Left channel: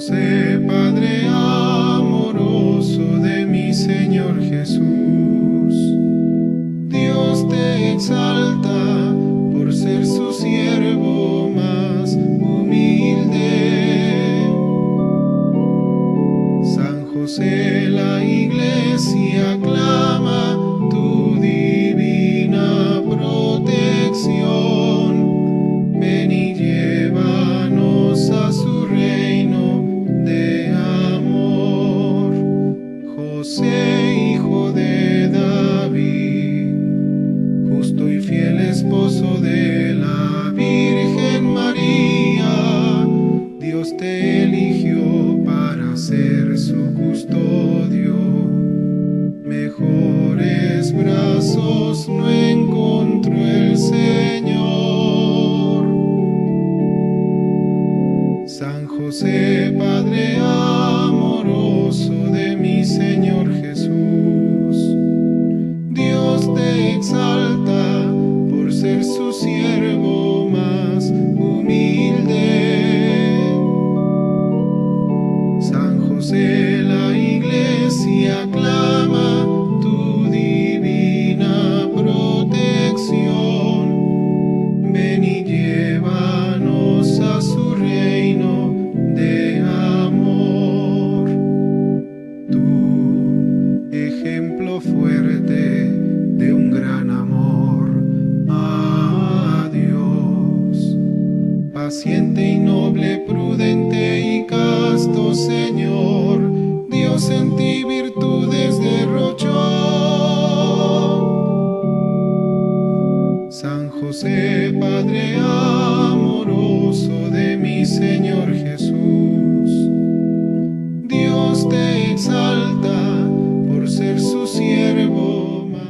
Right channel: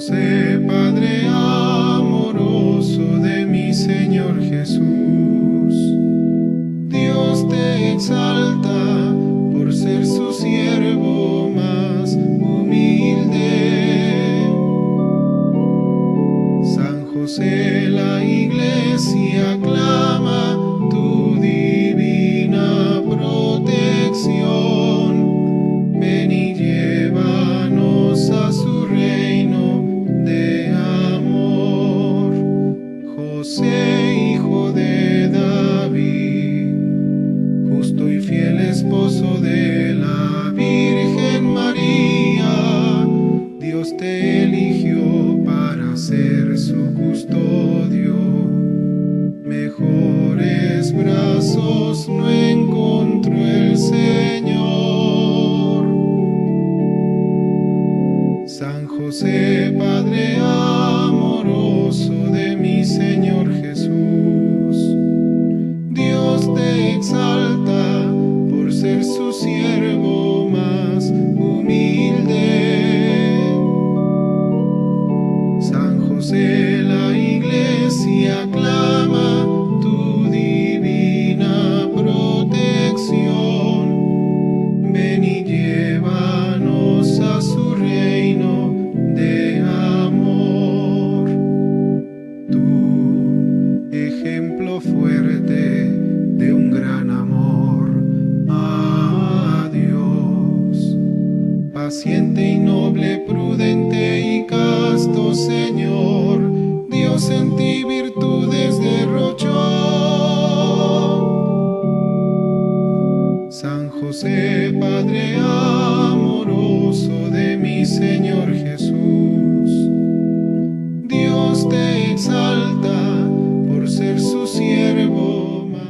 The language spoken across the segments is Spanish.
José, Padre amoroso de mi Señor Jesús, Dios te exalta por ser su siervo más humilde. San José, la Iglesia aclama tu divina protección. Ven y llévanos a su reino de amor. José, hijo de David, justo y fiel esposo de la Virgen María, Dios te eligió para ser su custodio. Mejores brazos no encontró el Señor. San José, Padre amoroso de mi Señor Jesús, Dios te exalta por ser su siervo más humilde. San José, la Iglesia aclama tu divina protección. Ven y llévanos a su reino de amor. Tu ejemplo fuerte de un gran amor a Dios, paciente y noble, prudente y casto Señor, Dios en ti virtudes derrochó. San José, Padre amoroso de mi Señor Jesús, Dios te exalta por ser su siervo más.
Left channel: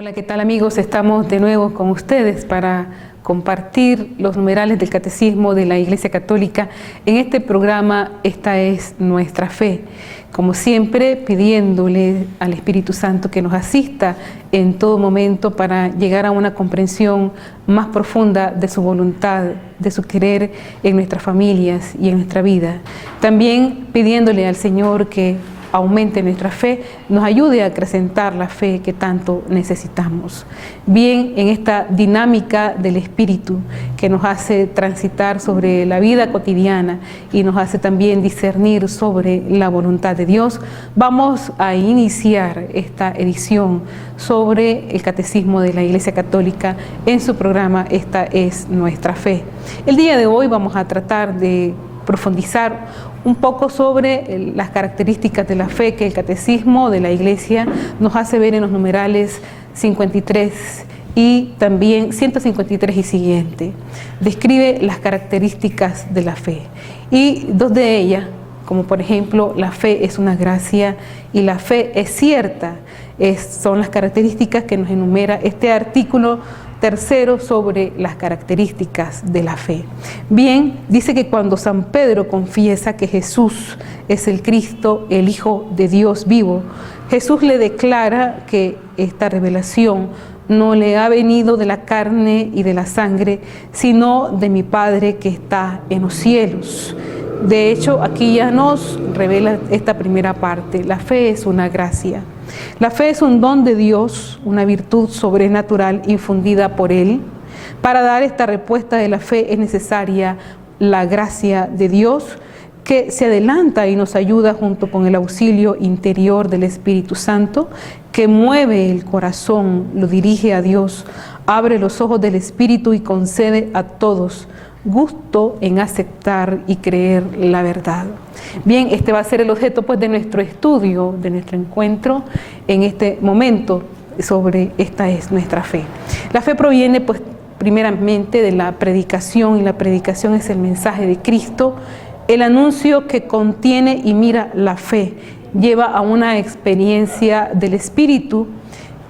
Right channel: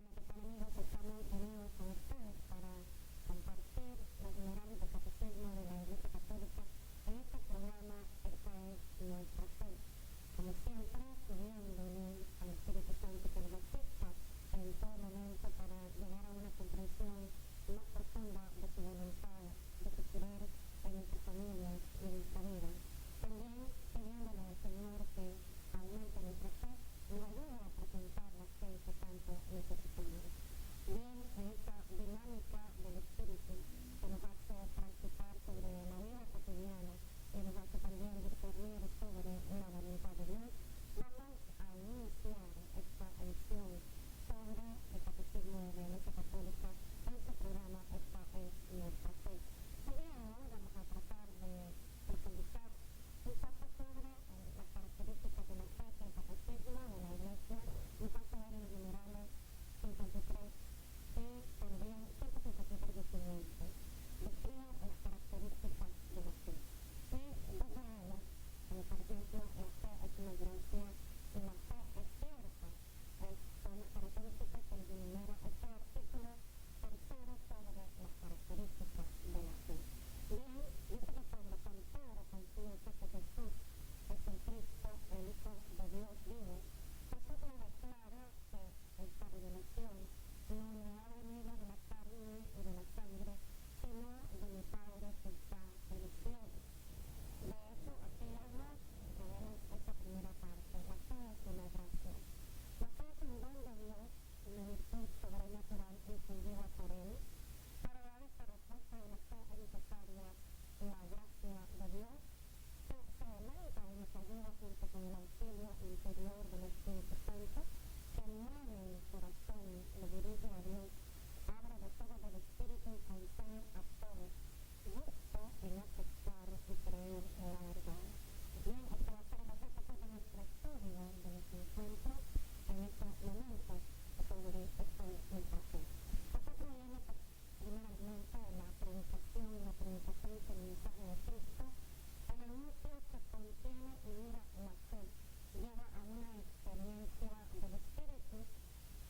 Hola, ¿qué tal amigos? Estamos de nuevo con ustedes para compartir los numerales del Catecismo de la Iglesia Católica. En este programa, esta es nuestra fe. Como siempre, pidiéndole al Espíritu Santo que nos asista en todo momento para llegar a una comprensión más profunda de su voluntad, de su querer en nuestras familias y en nuestra vida. También pidiéndole al Señor que aumente nuestra fe, nos ayude a acrecentar la fe que tanto necesitamos. Bien, en esta dinámica del Espíritu que nos hace transitar sobre la vida cotidiana y nos hace también discernir sobre la voluntad de Dios, vamos a iniciar esta edición sobre el Catecismo de la Iglesia Católica en su programa Esta es nuestra fe. El día de hoy vamos a tratar de profundizar un poco sobre las características de la fe que el Catecismo de la Iglesia nos hace ver en los numerales 53 y también 153 y siguiente. Describe las características de la fe y dos de ellas como por ejemplo la fe es una gracia y la fe es cierta. Son las características que nos enumera este artículo tercero sobre las características de la fe. Bien, dice que cuando San Pedro confiesa que Jesús es el Cristo, el Hijo de Dios vivo, Jesús le declara que esta revelación no le ha venido de la carne y de la sangre, sino de mi Padre que está en los cielos. De hecho, aquí ya nos revela esta primera parte. La fe es una gracia. La fe es un don de Dios, una virtud sobrenatural infundida por Él. Para dar esta respuesta de la fe es necesaria la gracia de Dios, que se adelanta y nos ayuda junto con el auxilio interior del Espíritu Santo, que mueve el corazón, lo dirige a Dios, abre los ojos del Espíritu y concede a todos gusto en aceptar y creer la verdad. Bien, este va a ser el objeto pues de nuestro estudio, de nuestro encuentro en este momento sobre esta es nuestra fe. La fe proviene pues primeramente de la predicación, y la predicación es el mensaje de Cristo, el anuncio que contiene y mira la fe, lleva a una experiencia del Espíritu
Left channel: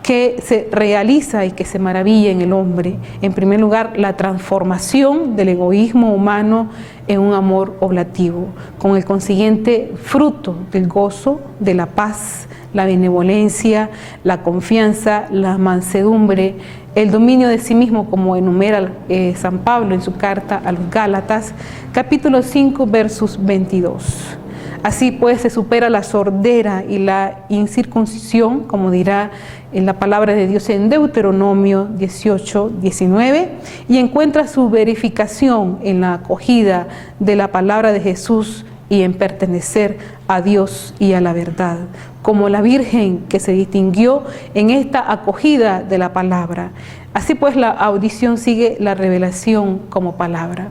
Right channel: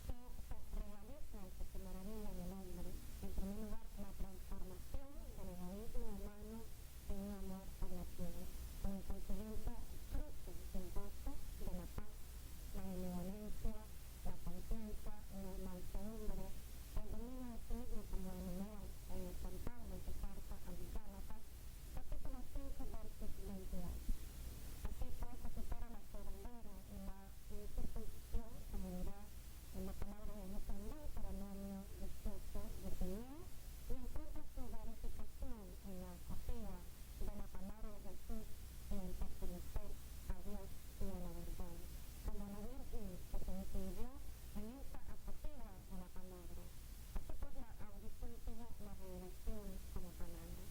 que se realiza y que se maravilla en el hombre. En primer lugar, la transformación del egoísmo humano en un amor oblativo, con el consiguiente fruto del gozo, de la paz, la benevolencia, la confianza, la mansedumbre, el dominio de sí mismo, como enumera San Pablo en su carta a los Gálatas, capítulo 5, versos 22. Así pues se supera la sordera y la incircuncisión, como dirá en la palabra de Dios en Deuteronomio 18, 19, y encuentra su verificación en la acogida de la palabra de Jesús y en pertenecer a Dios y a la verdad, como la Virgen que se distinguió en esta acogida de la palabra. Así pues, la audición sigue la revelación como palabra.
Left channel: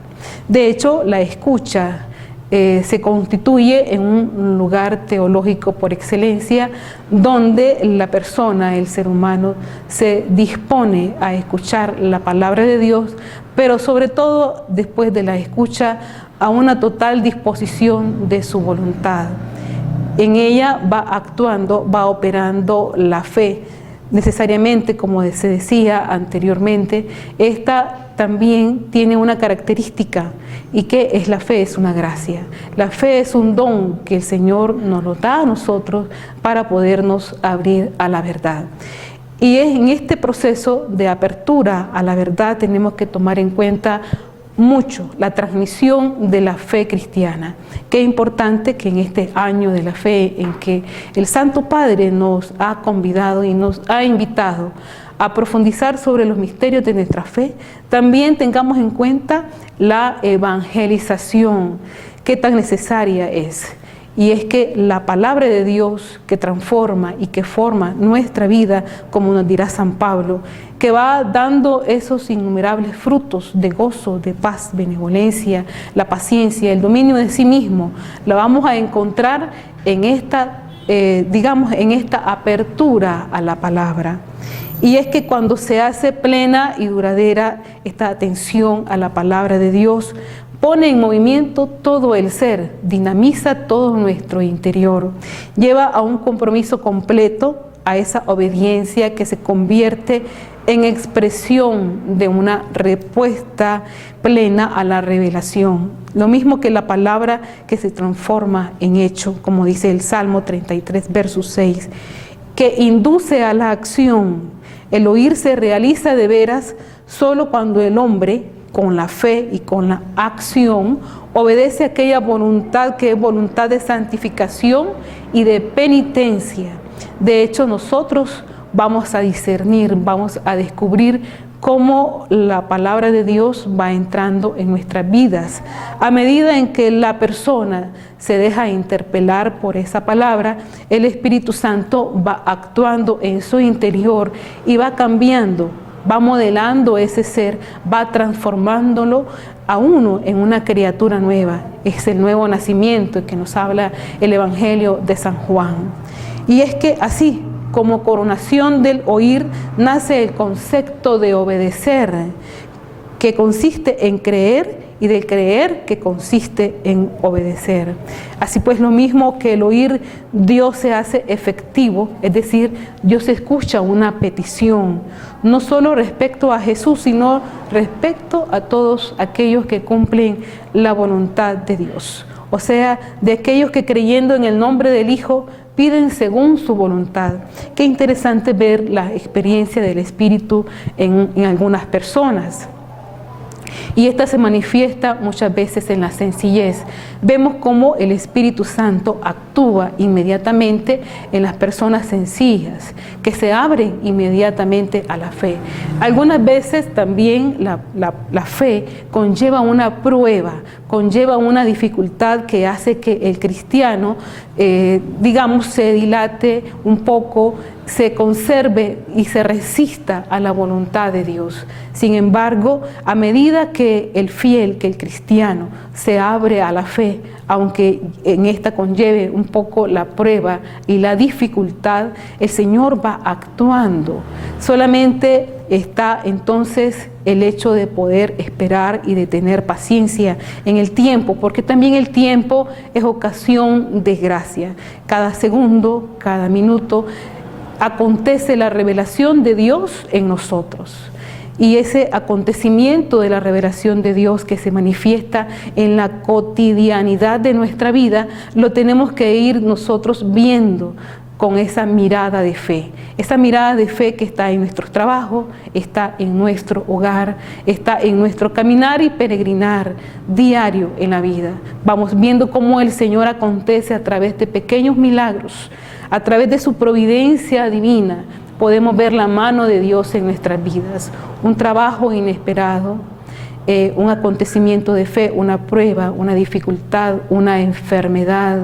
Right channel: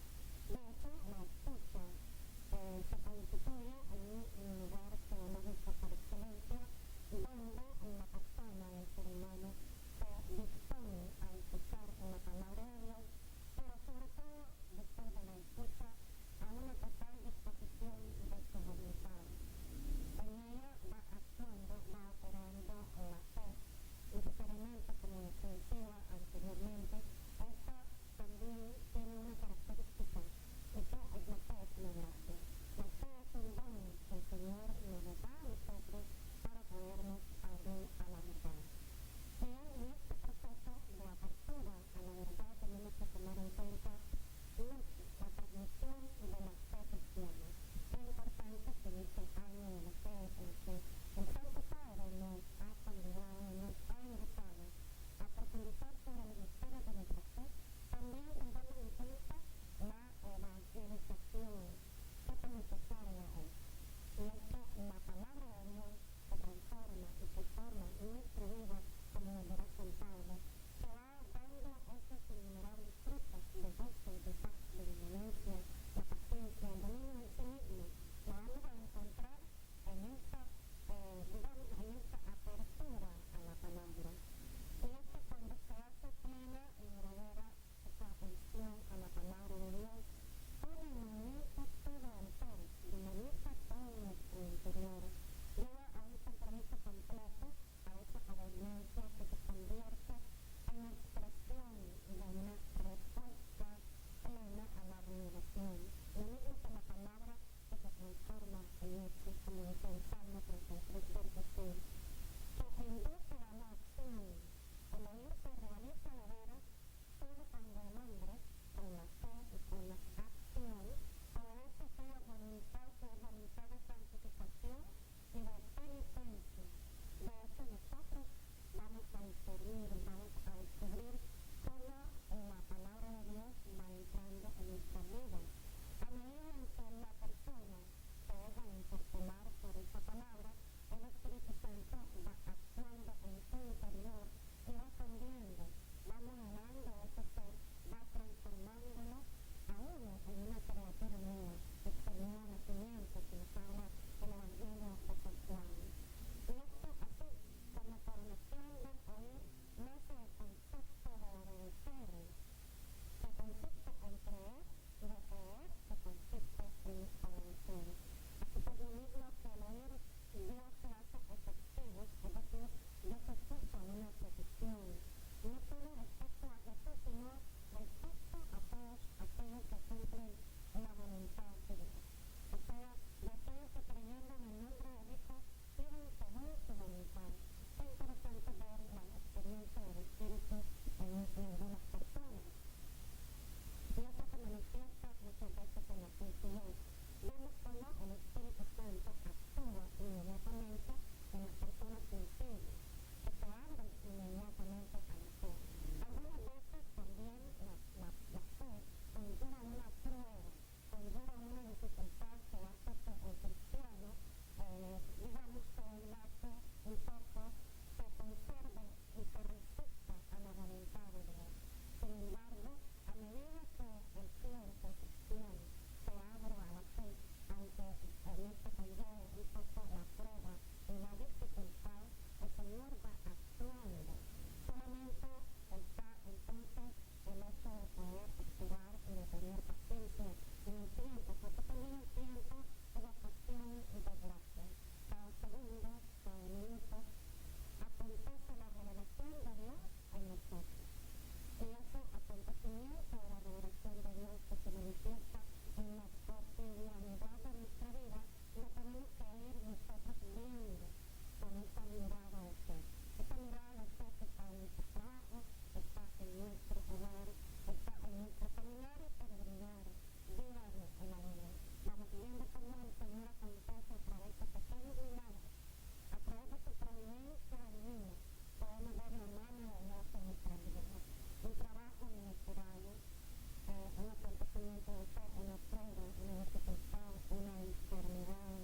De hecho, la escucha se constituye en un lugar teológico por excelencia, donde la persona, el ser humano, se dispone a escuchar la palabra de Dios, pero sobre todo después de la escucha, a una total disposición de su voluntad. En ella va actuando, va operando la fe. Necesariamente, como se decía anteriormente, esta también tiene una característica, y que es la fe, es una gracia. La fe es un don que el Señor nos lo da a nosotros para podernos abrir a la verdad. Y es en este proceso de apertura a la verdad tenemos que tomar en cuenta mucho la transmisión de la fe cristiana. Qué importante que en este año de la fe, en que el Santo Padre nos ha convidado y nos ha invitado a profundizar sobre los misterios de nuestra fe, también tengamos en cuenta la evangelización, que tan necesaria es. Y es que la palabra de Dios que transforma y que forma nuestra vida, como nos dirá San Pablo, que va dando esos innumerables frutos de gozo, de paz, benevolencia, la paciencia, el dominio de sí mismo, la vamos a encontrar en esta, en esta apertura a la palabra. Y es que cuando se hace plena y duradera esta atención a la palabra de Dios, pone en movimiento todo el ser, dinamiza todo nuestro interior, lleva a un compromiso completo, a esa obediencia que se convierte en expresión de una respuesta plena a la revelación. Lo mismo que la palabra que se transforma en hecho, como dice el Salmo 33, verso 6, que induce a la acción. El oír se realiza de veras solo cuando el hombre, con la fe y con la acción, obedece a aquella voluntad que es voluntad de santificación y de penitencia. De hecho, nosotros vamos a discernir, vamos a descubrir cómo la palabra de Dios va entrando en nuestras vidas. A medida en que la persona se deja interpelar por esa palabra, el Espíritu Santo va actuando en su interior y va cambiando, va modelando ese ser, va transformándolo a uno en una criatura nueva. Es el nuevo nacimiento que nos habla el Evangelio de San Juan. Y es que así, como coronación del oír, nace el concepto de obedecer, que consiste en creer y del creer que consiste en obedecer. Así pues, lo mismo que el oír, Dios se hace efectivo, es decir, Dios escucha una petición, no solo respecto a Jesús, sino respecto a todos aquellos que cumplen la voluntad de Dios. O sea, de aquellos que creyendo en el nombre del Hijo piden según su voluntad. Qué interesante ver la experiencia del Espíritu en algunas personas. Y esta se manifiesta muchas veces en la sencillez. Vemos cómo el Espíritu Santo actúa inmediatamente en las personas sencillas, que se abren inmediatamente a la fe. Algunas veces también la fe conlleva una prueba, conlleva una dificultad que hace que el cristiano, digamos, se dilate un poco, se conserve y se resista a la voluntad de Dios. Sin embargo, a medida que el fiel, que el cristiano, se abre a la fe, aunque en esta conlleve un poco la prueba y la dificultad, el Señor va actuando. Solamente está entonces el hecho de poder esperar y de tener paciencia en el tiempo, porque también el tiempo es ocasión de gracia. Cada segundo, cada minuto, acontece la revelación de Dios en nosotros. Y ese acontecimiento de la revelación de Dios que se manifiesta en la cotidianidad de nuestra vida, lo tenemos que ir nosotros viendo con esa mirada de fe. Esa mirada de fe que está en nuestros trabajos, está en nuestro hogar, está en nuestro caminar y peregrinar diario en la vida. Vamos viendo cómo el Señor acontece a través de pequeños milagros, a través de su providencia divina. Podemos ver la mano de Dios en nuestras vidas, un trabajo inesperado, un acontecimiento de fe, una prueba, una dificultad, una enfermedad,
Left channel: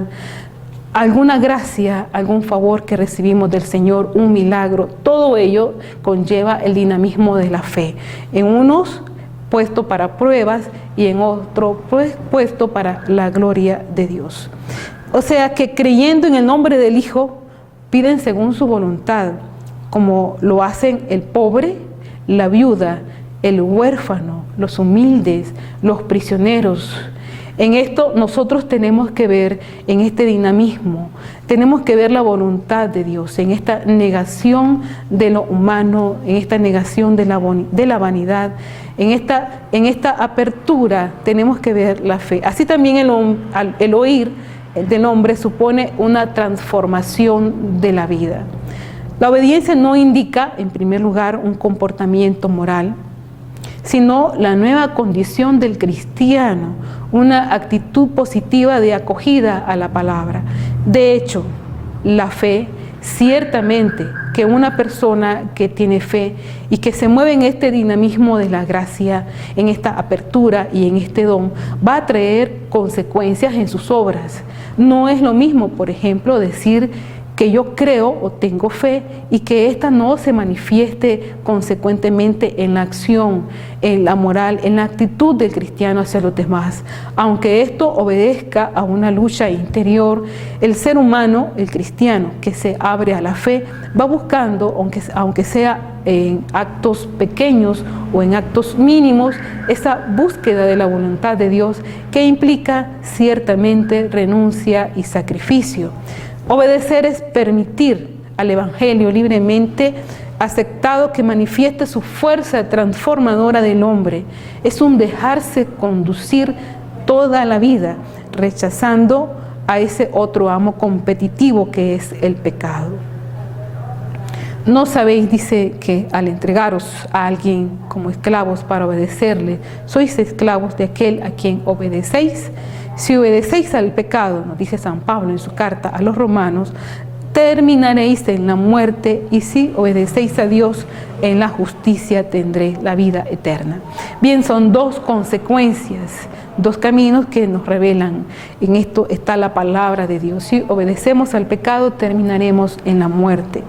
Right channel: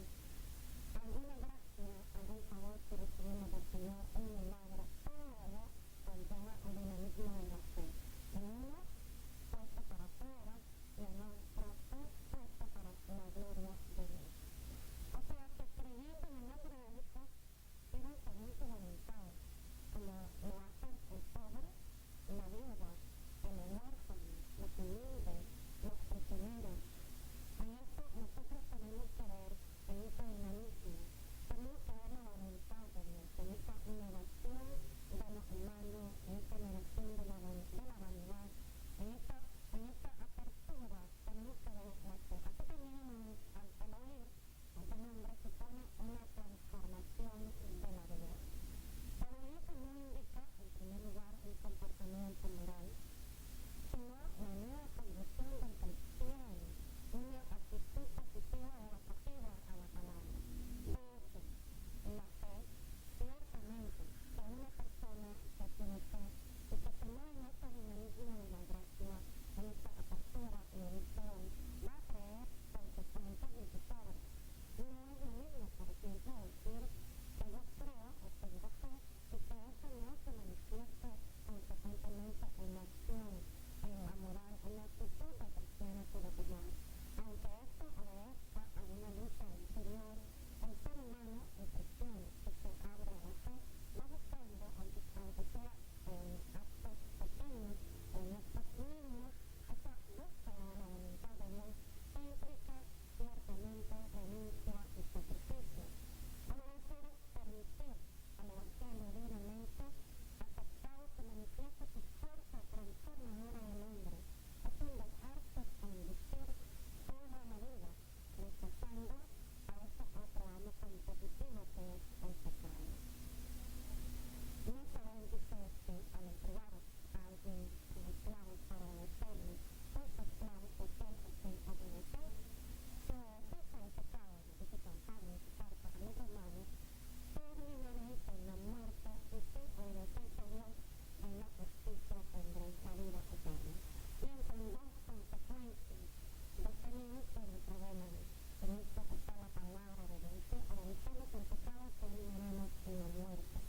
alguna gracia, algún favor que recibimos del Señor, un milagro. Todo ello conlleva el dinamismo de la fe. En unos puesto para pruebas y en otro puesto para la gloria de Dios. O sea que creyendo en el nombre del Hijo, piden según su voluntad, como lo hacen el pobre, la viuda, el huérfano, los humildes, los prisioneros. En esto nosotros tenemos que ver, en este dinamismo, tenemos que ver la voluntad de Dios, en esta negación de lo humano, en esta negación de la vanidad, en esta apertura tenemos que ver la fe. Así también el oír del hombre supone una transformación de la vida. La obediencia no indica, en primer lugar, un comportamiento moral, sino la nueva condición del cristiano, una actitud positiva de acogida a la palabra. De hecho, la fe, ciertamente que una persona que tiene fe y que se mueve en este dinamismo de la gracia, en esta apertura y en este don, va a traer consecuencias en sus obras. No es lo mismo, por ejemplo, decir que yo creo o tengo fe y que ésta no se manifieste consecuentemente en la acción, en la moral, en la actitud del cristiano hacia los demás. Aunque esto obedezca a una lucha interior, el ser humano, el cristiano que se abre a la fe, va buscando, aunque sea en actos pequeños o en actos mínimos, esa búsqueda de la voluntad de Dios que implica ciertamente renuncia y sacrificio. Obedecer es permitir al Evangelio libremente aceptado que manifieste su fuerza transformadora del hombre. Es un dejarse conducir toda la vida, rechazando a ese otro amo competitivo que es el pecado. No sabéis, dice, que al entregaros a alguien como esclavos para obedecerle, sois esclavos de aquel a quien obedecéis. Si obedecéis al pecado, nos dice San Pablo en su carta a los romanos, terminaréis en la muerte, y si obedecéis a Dios, en la justicia tendréis la vida eterna. Bien, son dos consecuencias, dos caminos que nos revelan. En esto está la palabra de Dios. Si obedecemos al pecado, terminaremos en la muerte.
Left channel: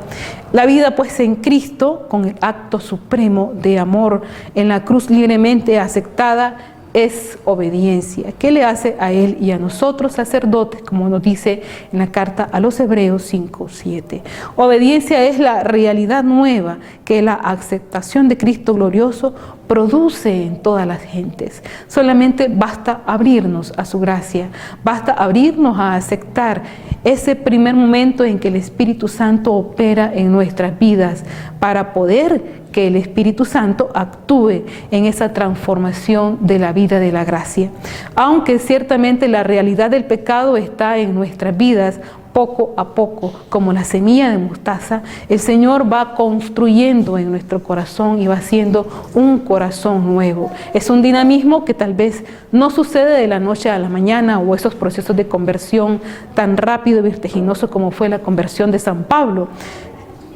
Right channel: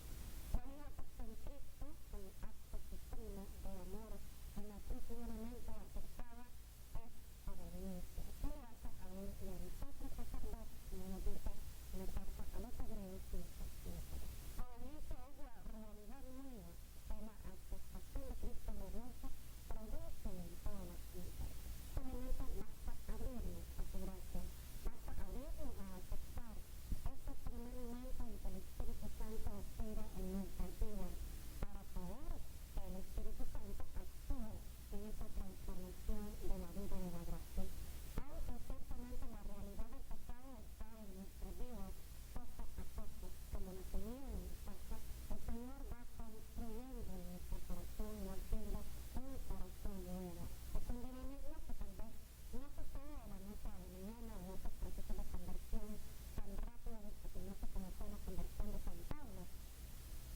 La vida pues en Cristo, con el acto supremo de amor en la cruz libremente aceptada, es obediencia. ¿Qué le hace a Él y a nosotros sacerdotes? Como nos dice en la carta a los Hebreos 5:7. Obediencia es la realidad nueva que la aceptación de Cristo glorioso produce en todas las gentes. Solamente basta abrirnos a su gracia, basta abrirnos a aceptar ese primer momento en que el Espíritu Santo opera en nuestras vidas para poder que el Espíritu Santo actúe en esa transformación de la vida de la gracia. Aunque ciertamente la realidad del pecado está en nuestras vidas, poco a poco, como la semilla de mostaza, el Señor va construyendo en nuestro corazón y va haciendo un corazón nuevo. Es un dinamismo que tal vez no sucede de la noche a la mañana, o esos procesos de conversión tan rápido y vertiginoso como fue la conversión de San Pablo.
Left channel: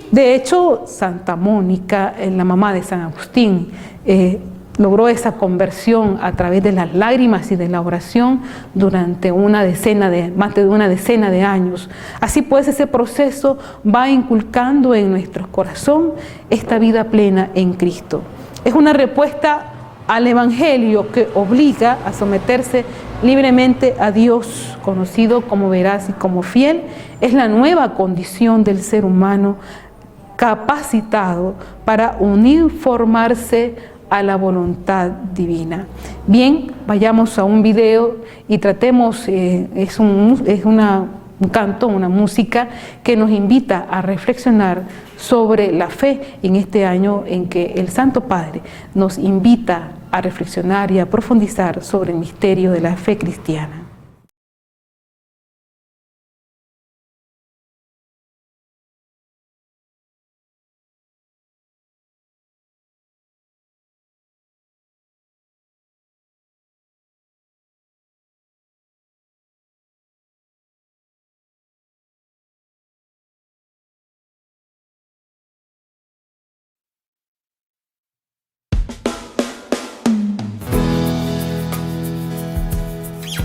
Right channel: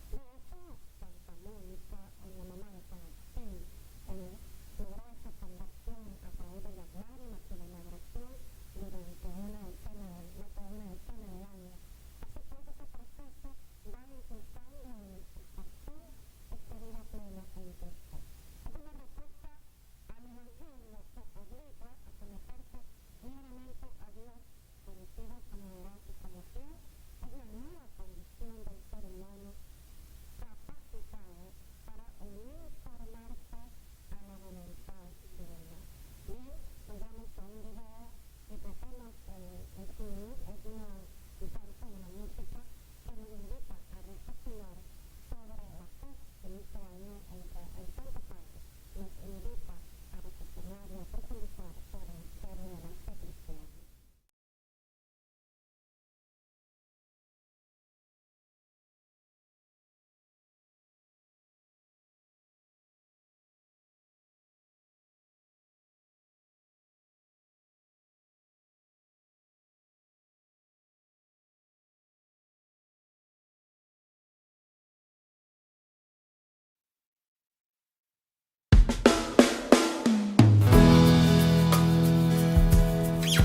De hecho, Santa Mónica, la mamá de San Agustín, logró esa conversión a través de las lágrimas y de la oración durante más de una decena de años. Así pues, ese proceso va inculcando en nuestro corazón esta vida plena en Cristo. Es una respuesta al Evangelio que obliga a someterse libremente a Dios, conocido como veraz y como fiel. Es la nueva condición del ser humano capacitado para uniformarse a la voluntad divina. Bien, vayamos a un video y tratemos, es un canto, una música que nos invita a reflexionar sobre la fe en este año en que el Santo Padre nos invita a reflexionar y a profundizar sobre el misterio de la fe cristiana.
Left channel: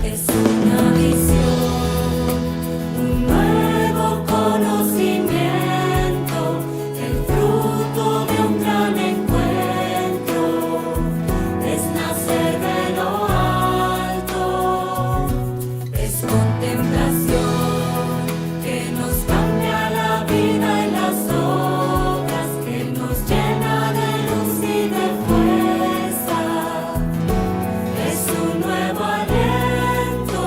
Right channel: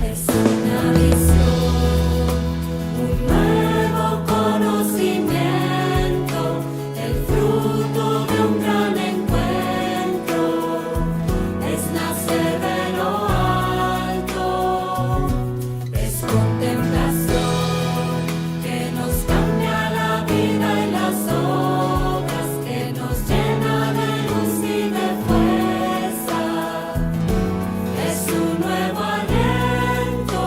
Es una visión, un nuevo conocimiento, el fruto de un gran encuentro, es nacer de lo alto, es contemplación que nos cambia la vida y las obras, que nos llena de luz y de fuerza, es un nuevo aliento.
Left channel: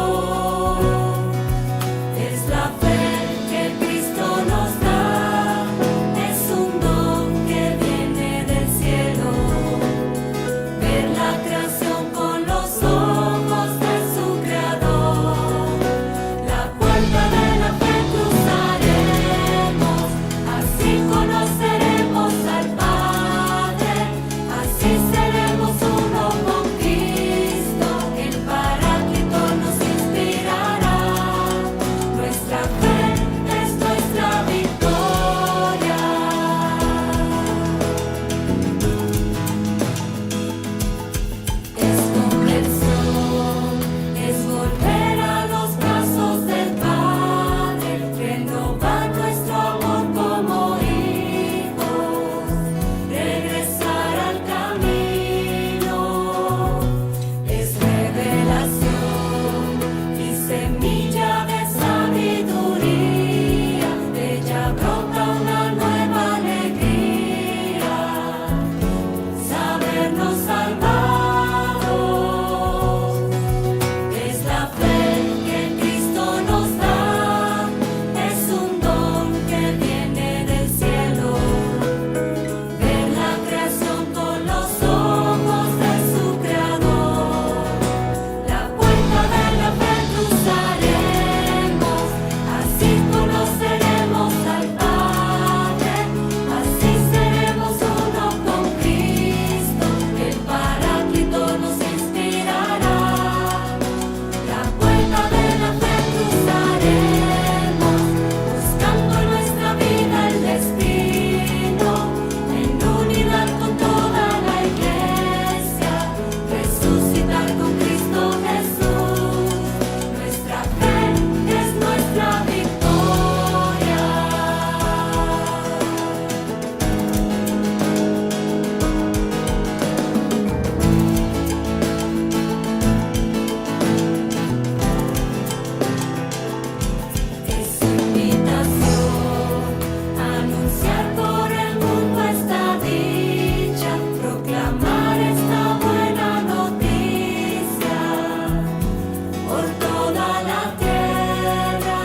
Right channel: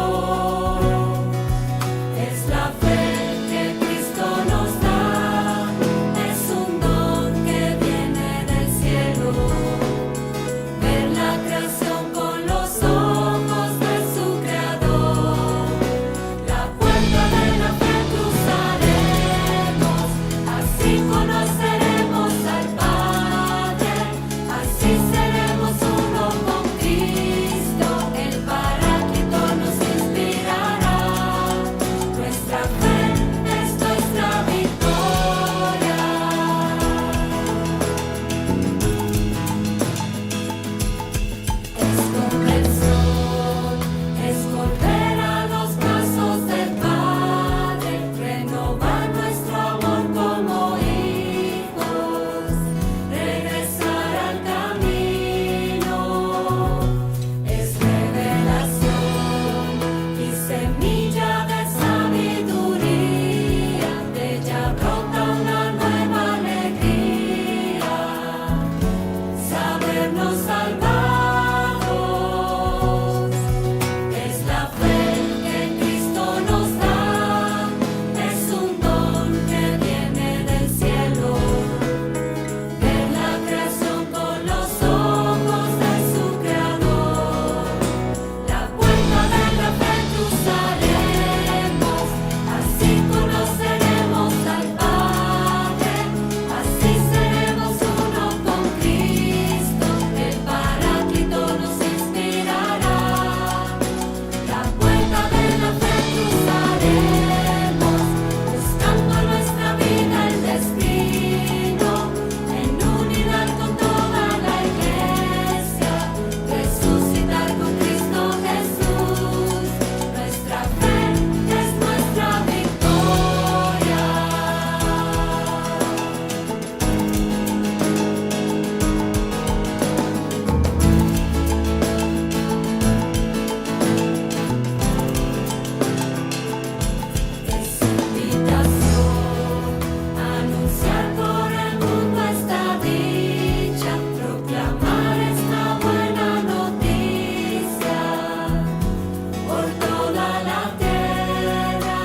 por toda la tierra.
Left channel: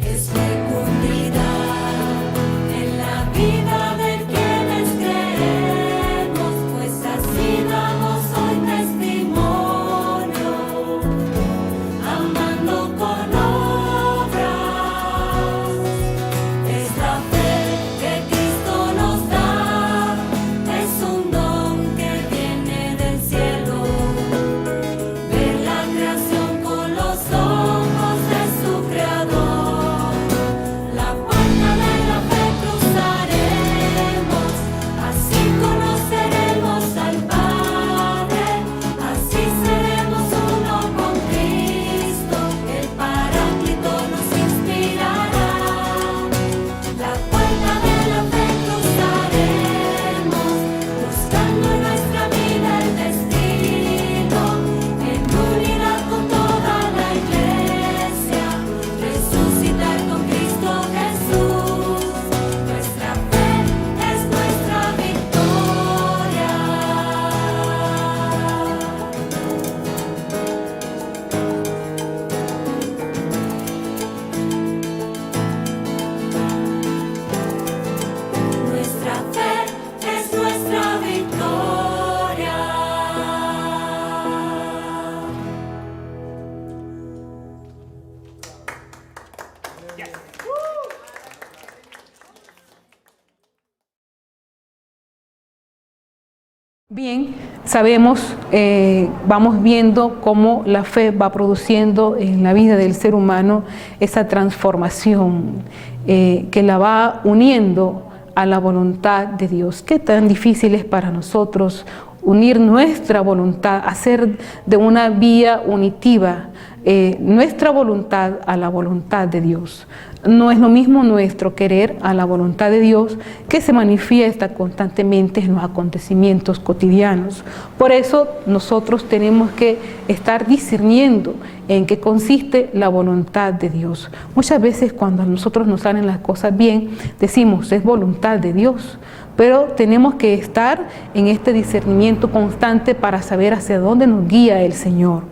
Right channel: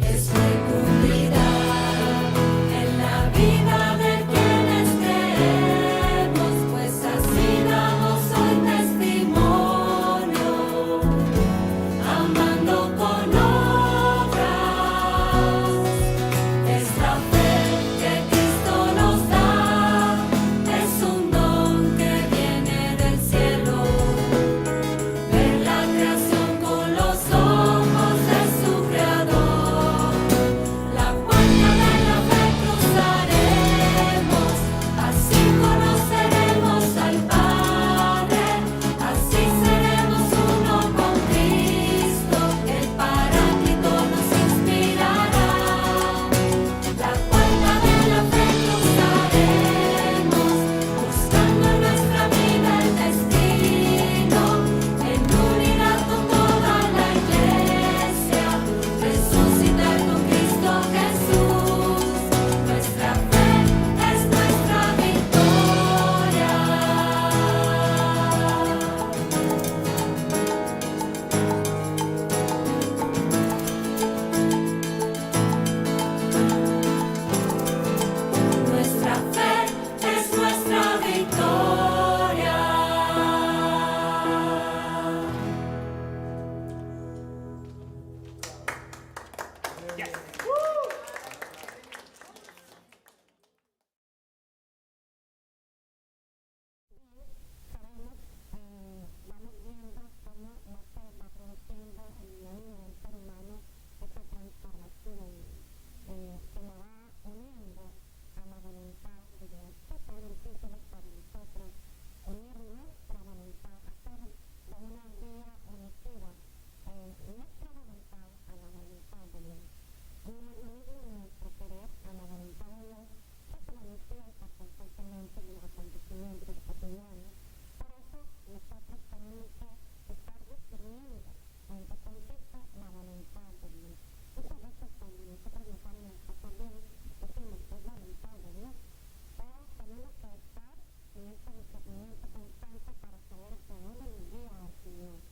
Es fecundidad en la vida de quienes creemos, pues así damos hoy testimonio, amando con obras. Es la fe que Cristo nos da, es un don que viene del cielo. Ver la creación con los ojos de su creador. La puerta de la fe cruzaremos, así conoceremos al Padre, así seremos uno con Cristo, el Paráclito nos inspirará. La puerta de la fe cruzaremos, buscando en nuestra vida el destino, en unidad con toda la iglesia, resucitar con Cristo Jesús. Nuestra fe es nuestra victoria. Nuestra fe es nuestra victoria. Bien, sabemos, vamos viendo cómo la fe va produciendo en la vida del ser humano esa transformación que la va uniendo a la voluntad de Dios. Qué tan difícil es para nosotros unir nuestra voluntad, hacer de una vía unitiva nuestra voluntad a la voluntad de Dios. No es lo mismo nuestro querer a la voluntad de Dios, que se manifiesta constantemente en los acontecimientos cotidianos. Por eso nosotros tenemos que estar discerniendo en qué consiste la voluntad de Dios. Muchas veces cuando a nosotros nos salen las cosas bien, decimos, es voluntad de Dios. Pero tenemos que estar en este discernimiento constante para saber hacia dónde nos guía el Señor.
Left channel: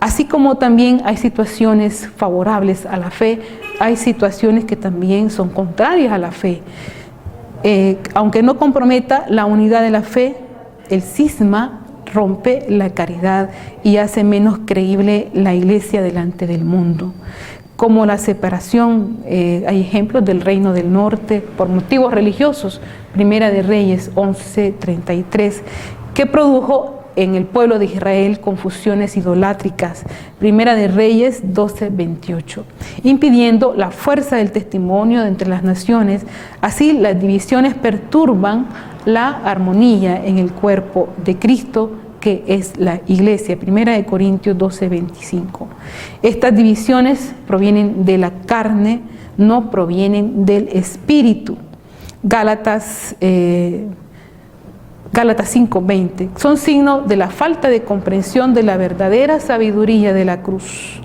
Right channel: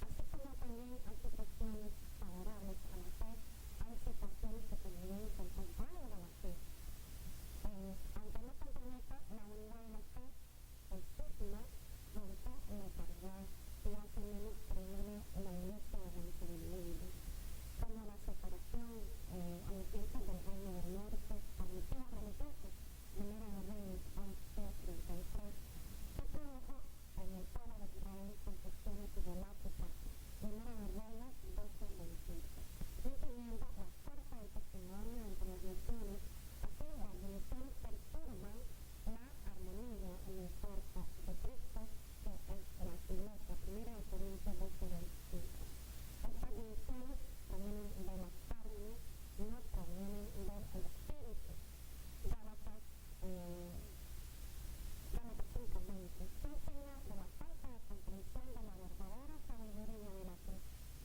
Así como también hay situaciones favorables a la fe, hay situaciones que también son contrarias a la fe. Aunque no comprometa la unidad de la fe, el cisma rompe la caridad y hace menos creíble la iglesia delante del mundo. Como la separación, hay ejemplos del Reino del Norte por motivos religiosos, Primera de Reyes 11:33, que produjo en el pueblo de Israel confusiones idolátricas, Primera de Reyes 12:28, impidiendo la fuerza del testimonio entre las naciones. Así las divisiones perturban la armonía en el cuerpo de Cristo, que es la iglesia, Primera de Corintios 12:25. Estas divisiones provienen de la carne, no provienen del espíritu. Gálatas 5:20, son signo de la falta de comprensión de la verdadera sabiduría de la cruz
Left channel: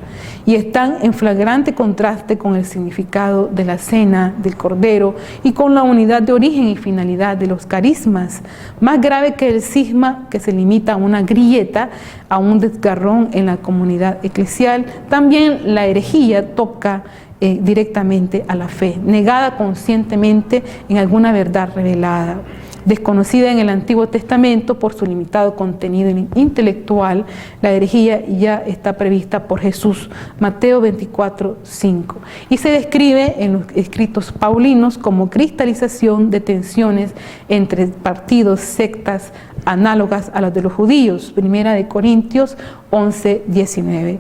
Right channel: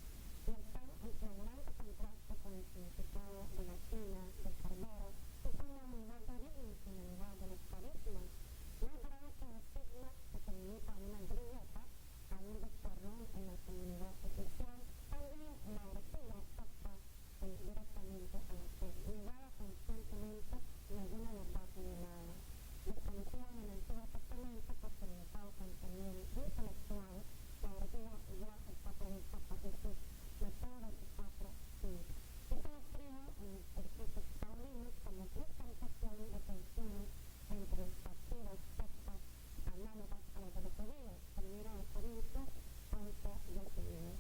y están en flagrante contraste con el significado de la cena del Cordero y con la unidad de origen y finalidad de los carismas. Más grave que el cisma, que se limita a una grieta, a un desgarrón en la comunidad eclesial, también la herejía toca directamente a la fe, negada conscientemente en alguna verdad revelada. Desconocida en el Antiguo Testamento por su limitado contenido intelectual, la herejía ya está prevista por Jesús, Mateo 24:5, y se describe en los escritos paulinos como cristalización de tensiones entre partidos, sectas análogas a las de los judíos, Primera de Corintios 11:19,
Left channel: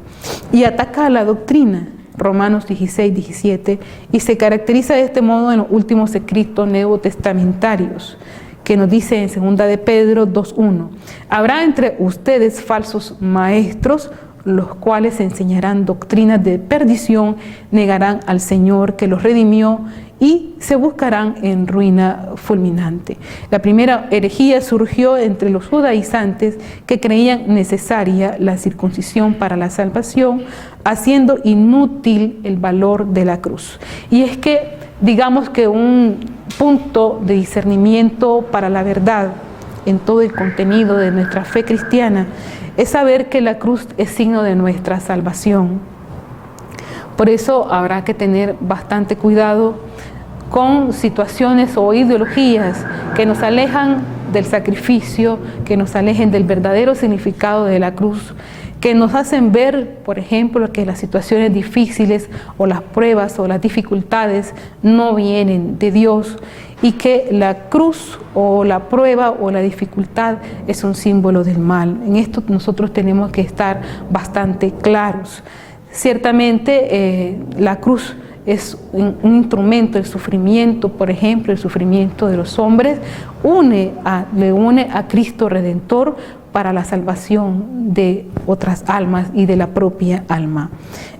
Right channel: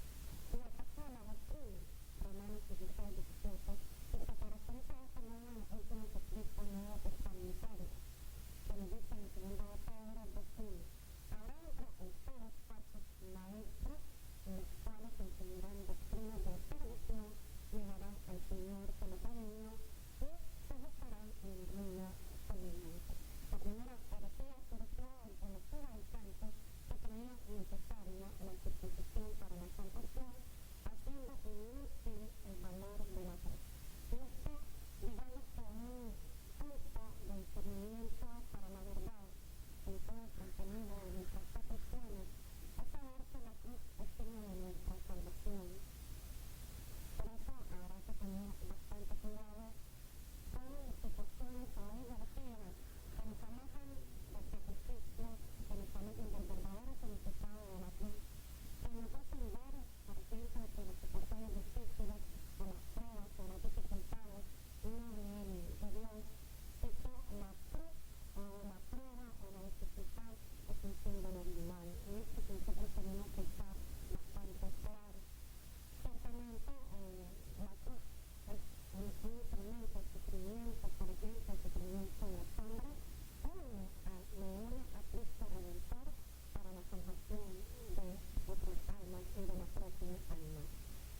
y ataca a la doctrina, Romanos 16:17, y se caracteriza de este modo en los últimos escritos neotestamentarios, que nos dice en 2 de Pedro 2:1, habrá entre ustedes falsos maestros, los cuales enseñarán doctrinas de perdición, negarán al Señor que los redimió y se buscarán en ruina fulminante. La primera herejía surgió entre los judaizantes que creían necesaria la circuncisión para la salvación, haciendo inútil el valor de la cruz. Y es que, digamos que un punto de discernimiento para la verdad en todo el contenido de nuestra fe cristiana es saber que la cruz es signo de nuestra salvación. Por eso habrá que tener bastante cuidado con situaciones o ideologías que nos alejan del sacrificio, que nos alejen del verdadero significado de la cruz, que nos hacen ver, por ejemplo, que las situaciones difíciles o las pruebas o las dificultades no vienen de Dios y que la cruz o la prueba o la dificultad es un símbolo del mal. En esto nosotros tenemos que estar bastante claros. Ciertamente la cruz es un instrumento, el sufrimiento, por ejemplo, el sufrimiento de los hombres, le une a Cristo Redentor para la salvación de otras almas y de la propia alma.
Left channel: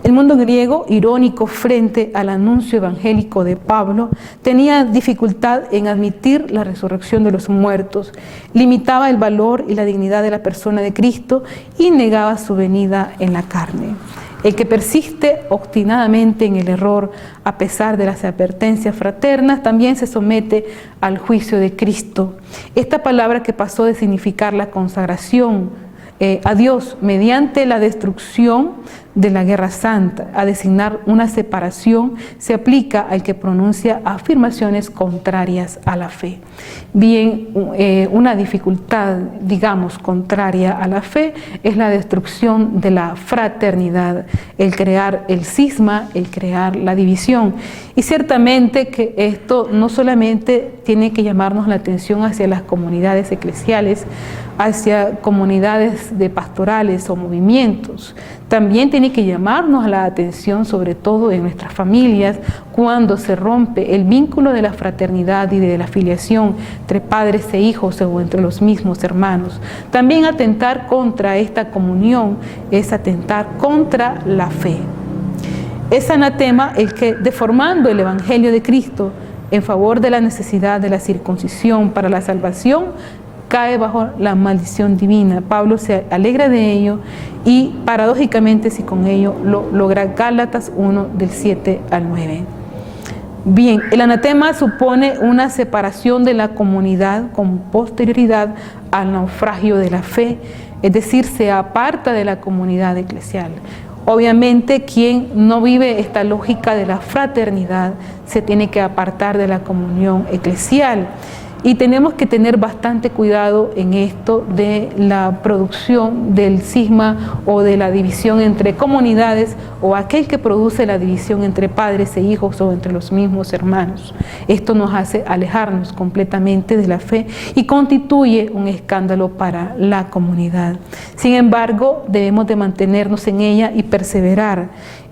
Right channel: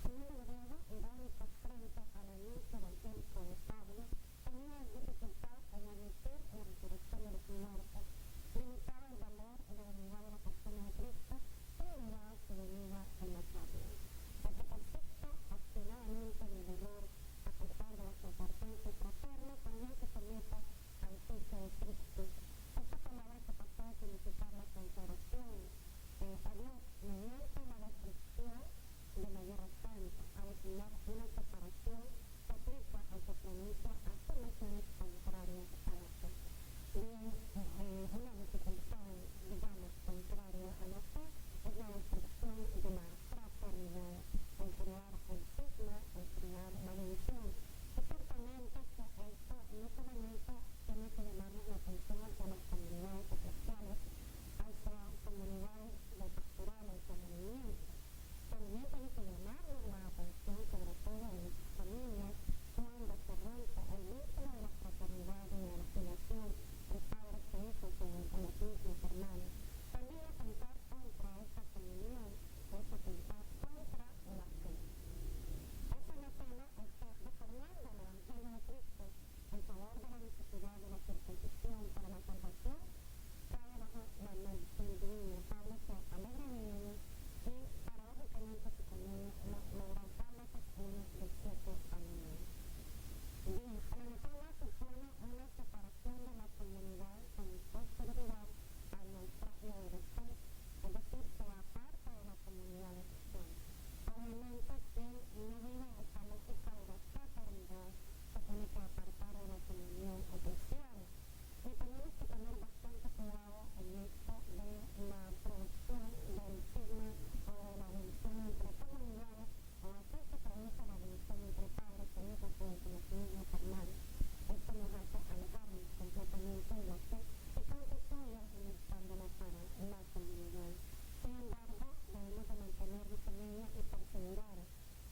El mundo griego, irónico frente al anuncio evangélico de Pablo, tenía dificultad en admitir la resurrección de los muertos, limitaba el valor y la dignidad de la persona de Cristo y negaba su venida en la carne. El que persiste obstinadamente en el error, a pesar de las advertencias fraternas, también se somete al juicio de Cristo. Esta palabra que pasó de significar la consagración a Dios mediante la destrucción de la guerra santa, a designar una separación, se aplica al que pronuncia afirmaciones contrarias a la fe. Bien, una dificultad, digamos, contraria a la fe es la destrucción de la fraternidad, el crear el cisma, el crear la división. Y ciertamente que esto no solamente tiene que llamarnos la atención hacia las comunidades eclesiales, hacia comunidades de pastorales o movimientos, también tiene que llamarnos la atención, sobre todo en nuestras familias, cuando se rompe el vínculo de la fraternidad y de la filiación entre padres e hijos o entre los mismos hermanos. También atentar contra esta comunión es atentar contra la fe. Es anatema el que, deformando el Evangelio de Cristo en favor de la necesidad de la circuncisión para la salvación, cae bajo la maldición divina. Pablo se alegra de ello y paradójicamente si con ello lo logra. Gálatas 1 del 7 al 9. Bien, el anatema supone una separación de la comunidad con posterioridad al naufragio de la fe, es decir, se aparta de la comunidad eclesial. Obviamente, quien no vive esta lógica de la fraternidad se tiene que apartar de la comunión eclesial. Y tenemos que tener bastante cuidado en esto de la producción del cisma o de la división entre comunidades o aquel que produce la división entre padres e hijos o entre los mismos hermanos. Esto nos hace alejarnos completamente de la fe y constituye un escándalo para la comunidad. Sin embargo, debemos de mantenernos en ella y perseverar.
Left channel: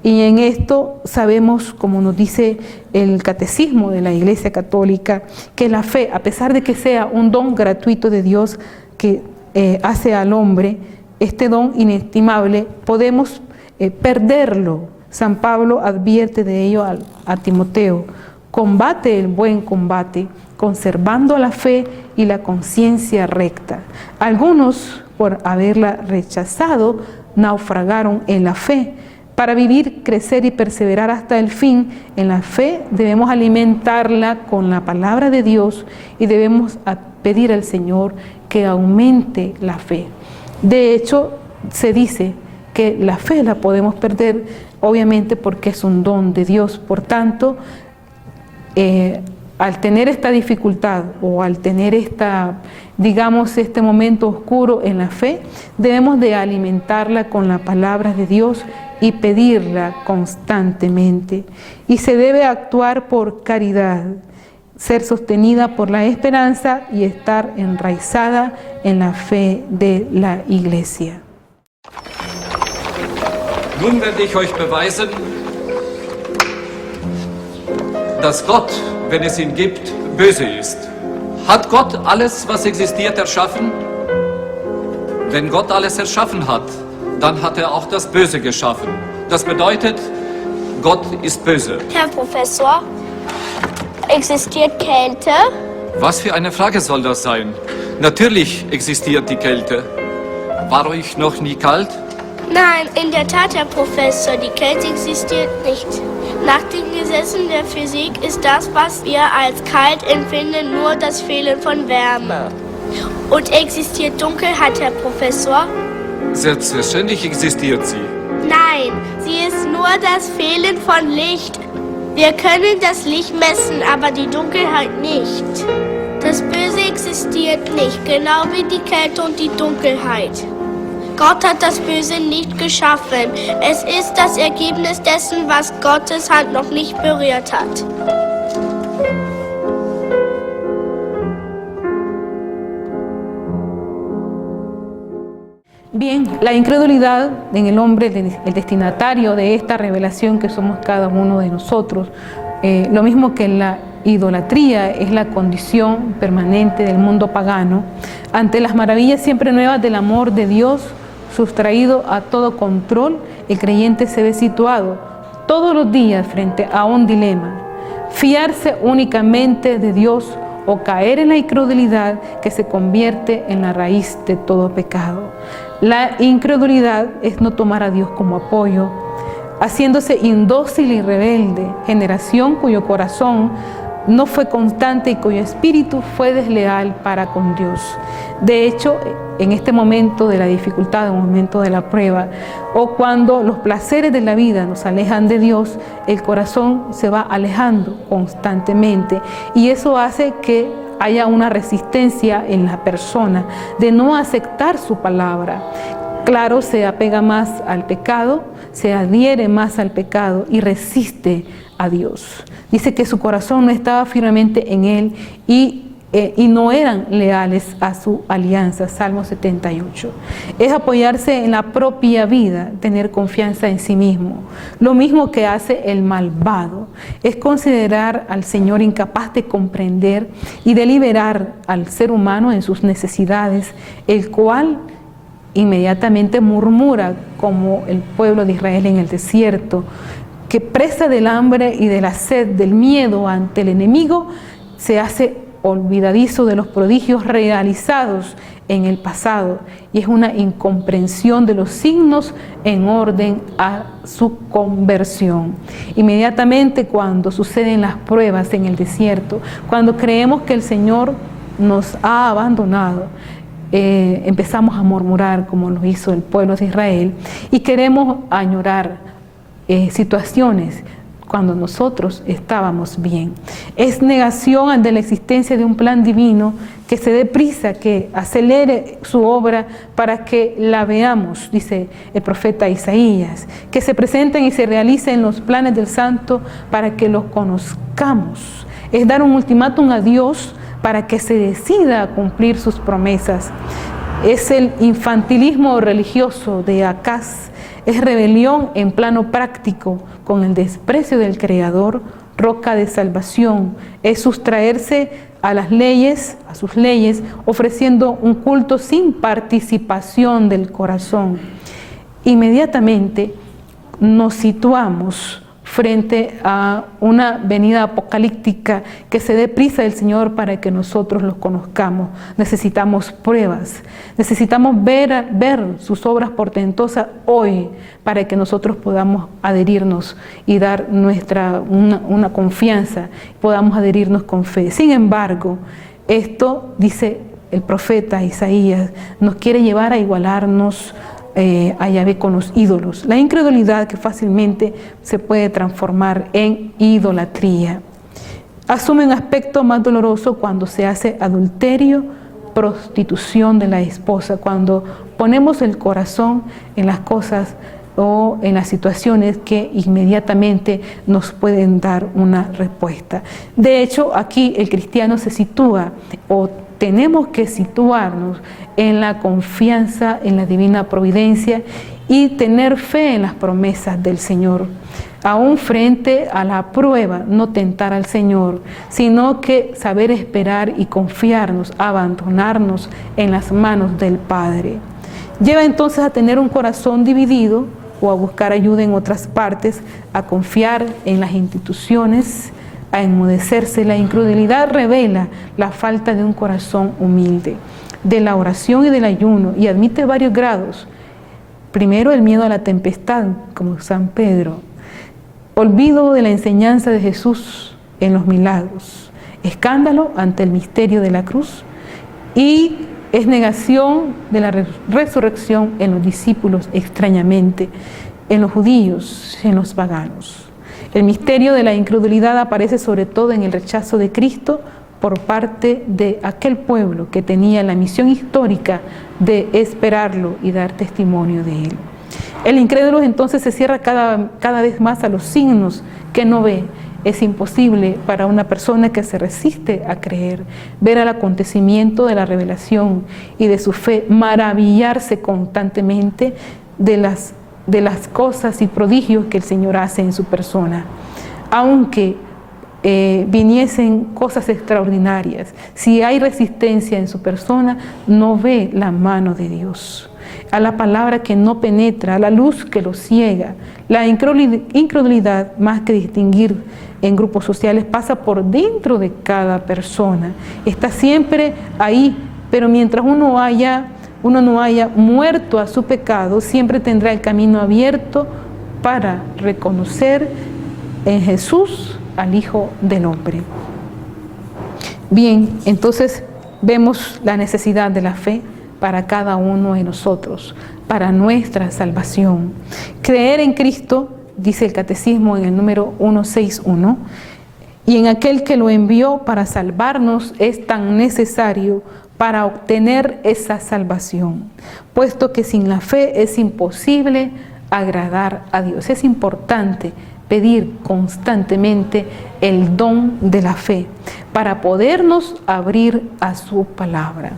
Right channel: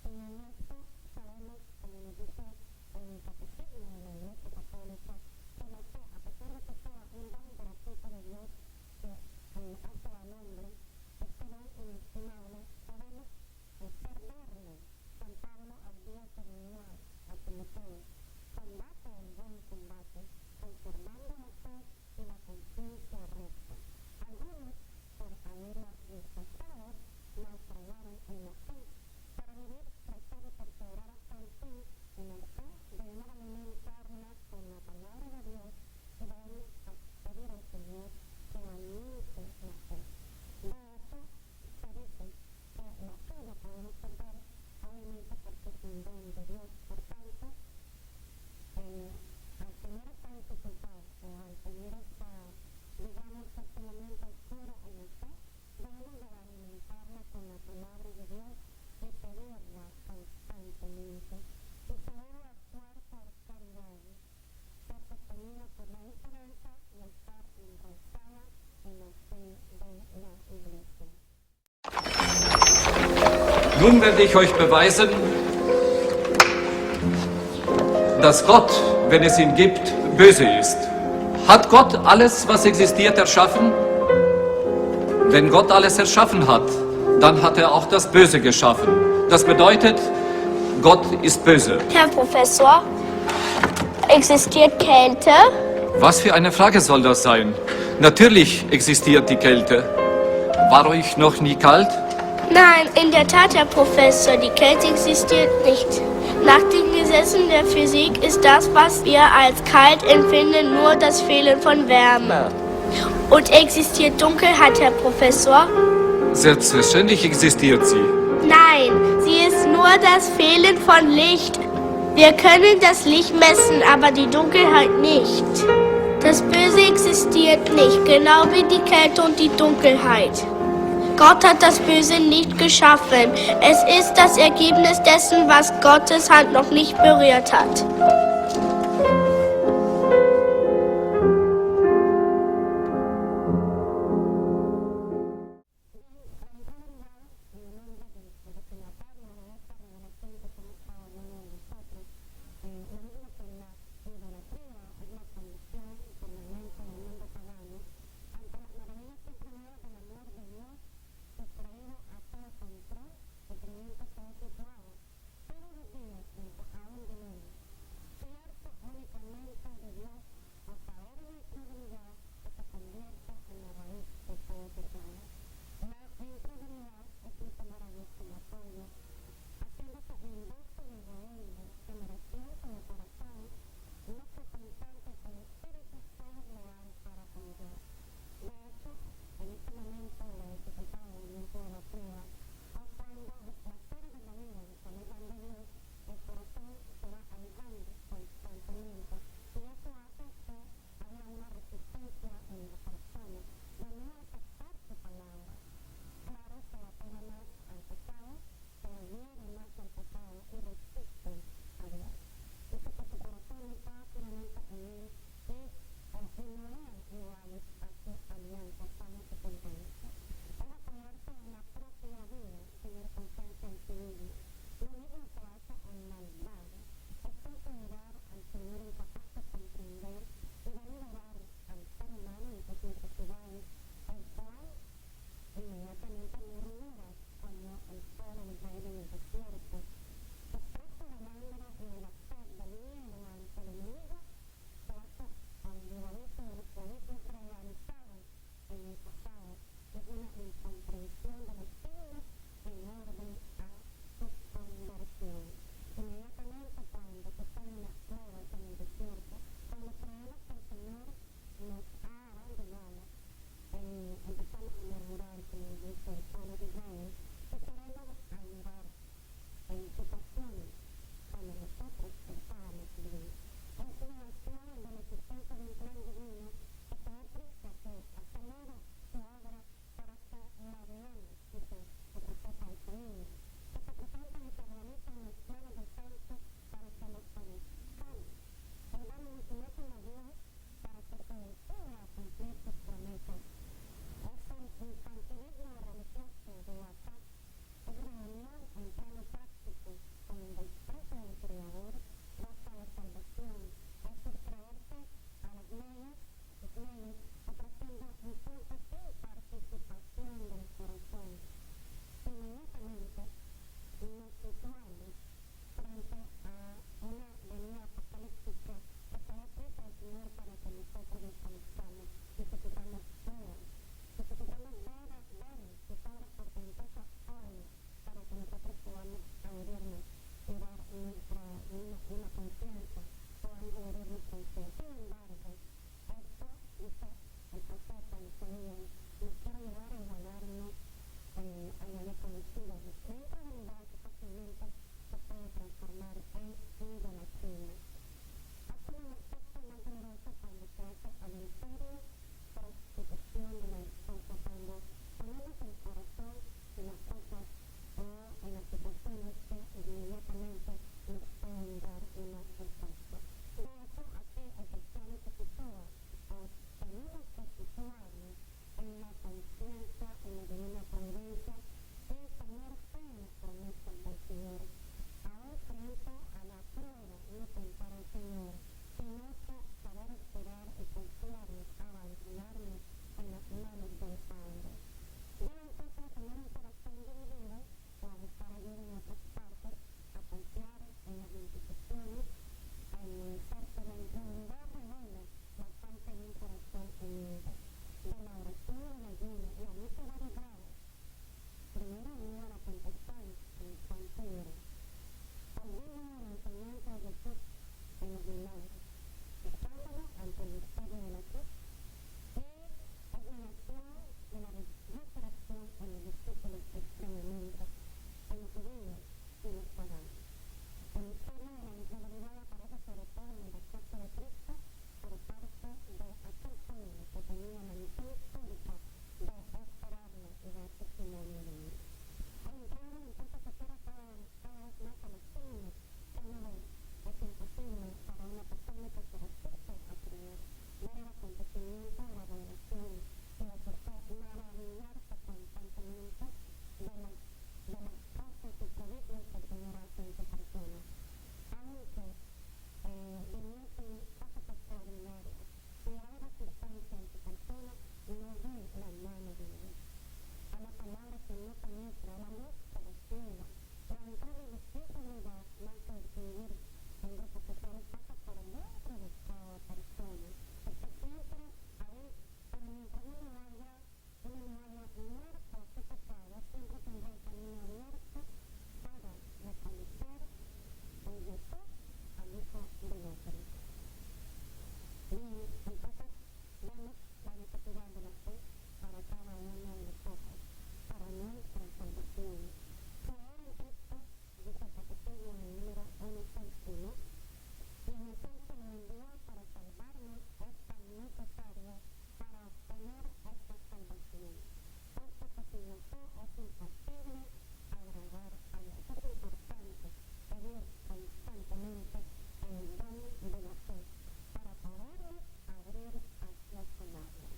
Y en esto sabemos, como nos dice el Catecismo de la Iglesia Católica, que la fe, a pesar de que sea un don gratuito de Dios que hace al hombre, este don inestimable, podemos perderlo. San Pablo advierte de ello a Timoteo: combate el buen combate, conservando la fe y la conciencia recta. Algunos, por haberla rechazado, naufragaron en la fe. Para vivir, crecer y perseverar hasta el fin en la fe, debemos alimentarla con la palabra de Dios y debemos pedir al Señor que aumente la fe. De hecho, se dice que la fe la podemos perder, obviamente porque es un don de Dios. Por tanto, al tener esta dificultad o al tener este momento oscuro en la fe, debemos de alimentarla con la palabra de Dios y pedirla constantemente. Y se debe actuar por caridad, ser sostenida por la esperanza y estar enraizada en la fe de la Iglesia. Nun werde ich euch beweisen, dass Gott, wenn es ihn gibt, böse ist. Hat Gott alles, was existiert, erschaffen? Wenn Gott alles erschaffen hat, dann hat er auch das Böse geschaffen. Das bedeutet, Gott ist böse. Herr Professor, existiert Kälte? Was für eine Frage soll das sein? Natürlich existiert die Kälte. War euch noch nie kalt? Nein, in der Tat, Herr Professor, die Kälte existiert nicht. Nach den Gesetzen der Physik ist das, was wir als kalt empfinden, nur das Fehlen von Wärme. Und existiert Dunkelheit, Herr Professor? Selbstverständlich existiert sie. Nein, sie ist nur das Fehlen von Licht. Wir können das Licht messen, aber die Dunkelheit nicht. Das Böse existiert nicht, genau wie die Kälte und die Dunkelheit. Gott hat das Böse nicht geschaffen. Es ist das Ergebnis dessen, was Gottes Hand noch nicht berührt hat. Bien, la incredulidad en el hombre, el destinatario de esta revelación que somos cada uno de nosotros, lo mismo que la idolatría es la condición permanente del mundo pagano, ante las maravillas siempre nuevas del amor de Dios, sustraído a todo control, el creyente se ve situado todos los días frente a un dilema: fiarse únicamente de Dios o caer en la incredulidad que se convierte en la raíz de todo pecado. La incredulidad es no tomar a Dios como apoyo, haciéndose indócil y rebelde, generación cuyo corazón no fue constante y cuyo espíritu fue desleal para con Dios. De hecho, en este momento de la dificultad, en el momento de la prueba, o cuando los placeres de la vida nos alejan de Dios, el corazón se va alejando constantemente y eso hace que haya una resistencia en la persona de no aceptar su palabra. Claro, se apega más al pecado, se adhiere más al pecado y resiste a Dios. Dice que su corazón no estaba firmemente en él y no eran leales a su alianza. Salmo 78. Es apoyarse en la propia vida, tener confianza en sí mismo. Lo mismo que hace el malvado. Es considerar al Señor incapaz de comprender y de liberar al ser humano en sus necesidades, el cual inmediatamente murmura como el pueblo de Israel en el desierto, que presa del hambre y de la sed, del miedo ante el enemigo, se hace olvidadizo de los prodigios realizados en el pasado y es una incomprensión de los signos en orden a su conversión. Inmediatamente cuando suceden las pruebas en el desierto, cuando creemos que el Señor nos ha abandonado, empezamos a murmurar como lo hizo el pueblo de Israel y queremos añorar situaciones cuando nosotros estábamos bien. Es negación ante la existencia de un plan divino que se dé prisa, que acelere su obra para que la veamos, dice el profeta Isaías, que se presenten y se realicen los planes del Santo para que los conozcamos. Es dar un ultimátum a Dios para que se decida a cumplir sus promesas. Es el infantilismo religioso de Acaz, es rebelión en plano práctico con el desprecio del Creador, roca de salvación, es sustraerse a las leyes, a sus leyes, ofreciendo un culto sin participación del corazón. Inmediatamente nos situamos frente a una venida apocalíptica, que se dé prisa del Señor para que nosotros los conozcamos. Necesitamos pruebas, necesitamos ver sus obras portentosas hoy para que nosotros podamos adherirnos y dar una confianza, podamos adherirnos con fe. Sin embargo, esto, dice el profeta Isaías, nos quiere llevar a igualarnos a Yahvé con los ídolos. La incredulidad que fácilmente se puede transformar en idolatría. Asume un aspecto más doloroso cuando se hace adulterio, prostitución de la esposa, cuando ponemos el corazón en las cosas o en las situaciones que inmediatamente nos pueden dar una respuesta. De hecho, aquí el cristiano se sitúa o tenemos que situarnos en la confianza en la divina providencia y tener fe en las promesas del Señor. Aún frente a la prueba, no tentar al Señor, sino que saber esperar y confiarnos, abandonarnos en las manos del Padre. Lleva entonces a tener un corazón dividido o a buscar ayuda en otras partes, a confiar en las instituciones, a enmudecerse. La incredulidad revela la falta de un corazón humilde, de la oración y del ayuno, y admite varios grados. Primero, el miedo a la tempestad, como San Pedro. Olvido de la enseñanza de Jesús en los milagros. Escándalo ante el misterio de la cruz y Es negación de la resurrección en los discípulos extrañamente, en los judíos, en los paganos. El misterio de la incredulidad aparece sobre todo en el rechazo de Cristo por parte de aquel pueblo que tenía la misión histórica de esperarlo y dar testimonio de él. El incrédulo entonces se cierra cada vez más a los signos que no ve. Es imposible para una persona que se resiste a creer, ver el acontecimiento de la revelación y de su fe, maravillarse constantemente de las cosas y prodigios que el Señor hace en su persona. Aunque viniesen cosas extraordinarias, si hay resistencia en su persona, no ve la mano de Dios. A la palabra que no penetra, a la luz que lo ciega. La incredulidad, más que distinguir en grupos sociales, pasa por dentro de cada persona. Está siempre ahí, pero mientras uno no haya muerto a su pecado, siempre tendrá el camino abierto para reconocer en Jesús al Hijo del Hombre. Bien, entonces vemos la necesidad de la fe para cada uno de nosotros, para nuestra salvación. Creer en Cristo, dice el Catecismo en el número 161, y en aquel que lo envió para salvarnos es tan necesario para obtener esa salvación, puesto que sin la fe es imposible agradar a Dios. Es importante pedir constantemente el don de la fe para podernos abrir a su palabra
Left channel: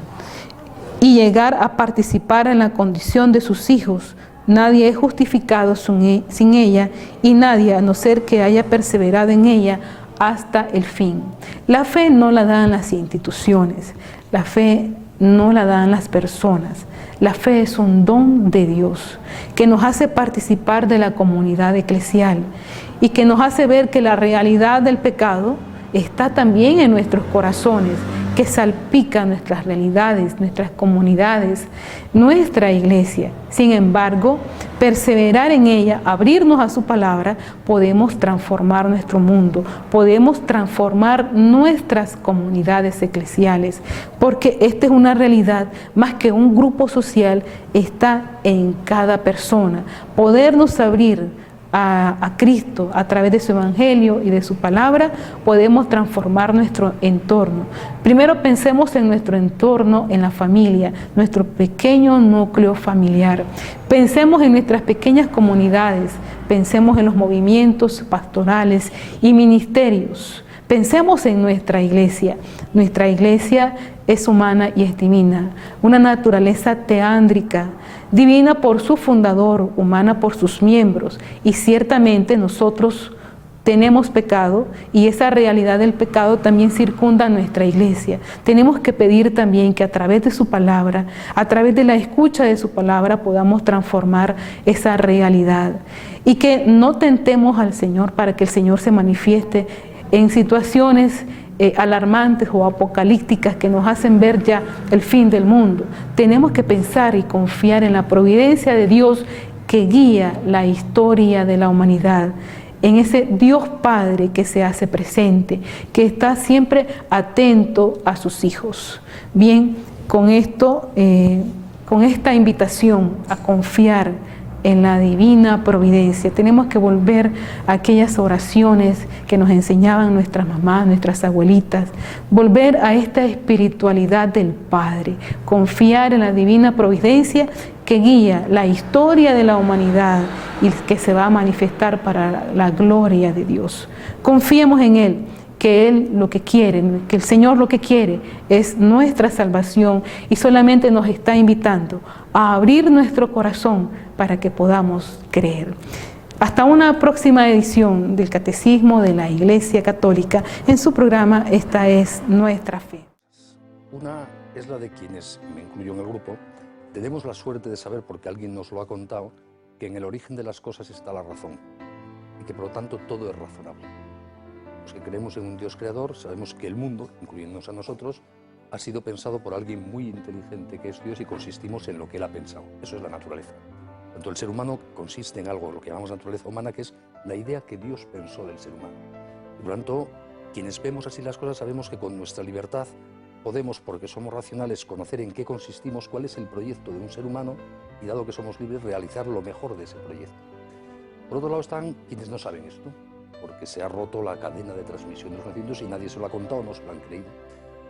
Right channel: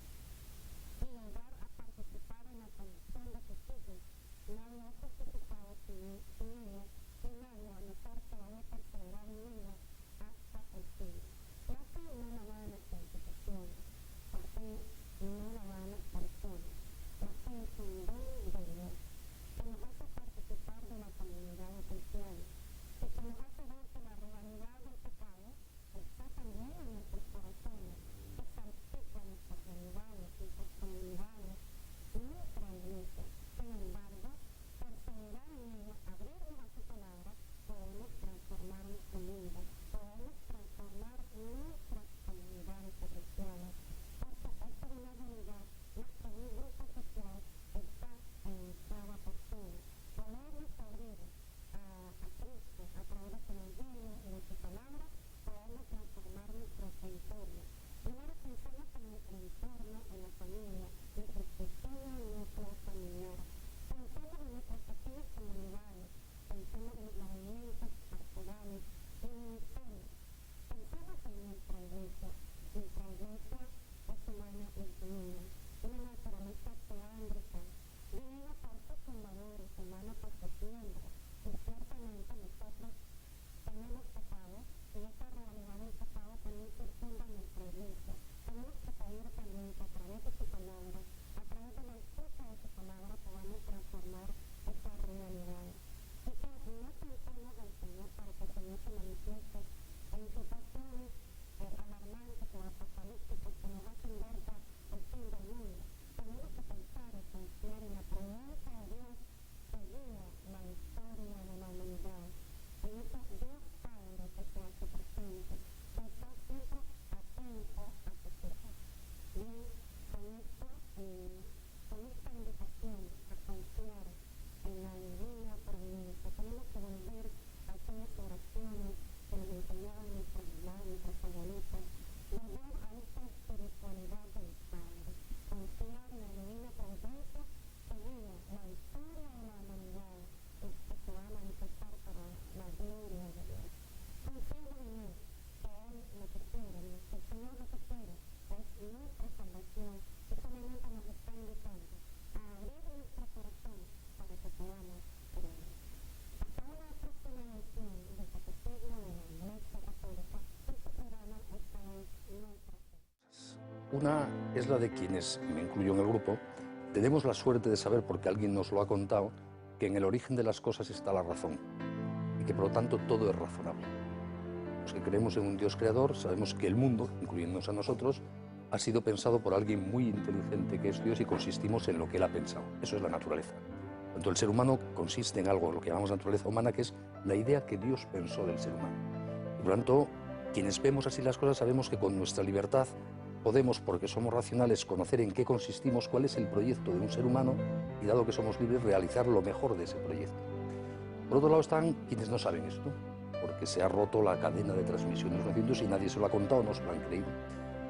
y llegar a participar en la condición de sus hijos. Nadie es justificado sin ella, y nadie, a no ser que haya perseverado en ella hasta el fin. La fe no la dan las instituciones, la fe no la dan las personas. La fe es un don de Dios que nos hace participar de la comunidad eclesial y que nos hace ver que la realidad del pecado está también en nuestros corazones, que salpica nuestras realidades, nuestras comunidades, nuestra iglesia. Sin embargo, perseverar en ella, abrirnos a su palabra, podemos transformar nuestro mundo, podemos transformar nuestras comunidades eclesiales, porque esta es una realidad más que un grupo social, está en cada persona. Podernos abrir a Cristo a través de su evangelio y de su palabra, podemos transformar nuestro entorno. Primero pensemos en nuestro entorno, en la familia, nuestro pequeño núcleo familiar. Pensemos en nuestras pequeñas comunidades, pensemos en los movimientos pastorales y ministerios. Pensemos en nuestra iglesia. Nuestra iglesia es humana y es divina, una naturaleza teándrica, divina por su fundador, humana por sus miembros, y ciertamente nosotros tenemos pecado y esa realidad del pecado también circunda nuestra iglesia. Tenemos que pedir también que a través de su palabra, a través de la escucha de su palabra, podamos transformar esa realidad y que no tentemos al Señor para que el Señor se manifieste en situaciones alarmantes o apocalípticas que nos hacen ver ya el fin del mundo. Tenemos que pensar y confiar en la providencia de Dios que guía la historia de la humanidad, en ese Dios Padre que se hace presente, que está siempre atento a sus hijos. Bien, con esto, con esta invitación a confiar en la divina providencia, tenemos que volver a aquellas oraciones que nos enseñaban nuestras mamás, nuestras abuelitas, volver a esta espiritualidad del Padre, confiar en la divina providencia que guía la historia de la humanidad y que se va a manifestar para la gloria de Dios. Confiemos en Él, que Él lo que quiere, que el Señor lo que quiere es nuestra salvación y solamente nos está invitando a abrir nuestro corazón para que podamos creer. Hasta una próxima edición del Catecismo de la Iglesia Católica en su programa Esta es Nuestra Fe. Una es la de quienes, me incluyo en el grupo, tenemos la suerte de saber, porque alguien nos lo ha contado, que en el origen de las cosas está la razón y que por lo tanto todo es razonable. Los que creemos en un Dios creador sabemos que el mundo, incluyéndonos a nosotros, ha sido pensado por alguien muy inteligente que es Dios y consistimos en lo que Él ha pensado. Eso es la naturaleza. Tanto el ser humano consiste en algo, lo que llamamos naturaleza humana, que es la idea que Dios pensó del ser humano. Y por lo tanto, quienes vemos así las cosas sabemos que con nuestra libertad podemos, porque somos racionales, conocer en qué consistimos, cuál es el proyecto de un ser humano y, dado que somos libres, realizar lo mejor de ese proyecto. Por otro lado están quienes no saben esto, porque se ha roto la cadena de transmisión de los conocimientos y nadie se lo ha contado, no se lo han creído.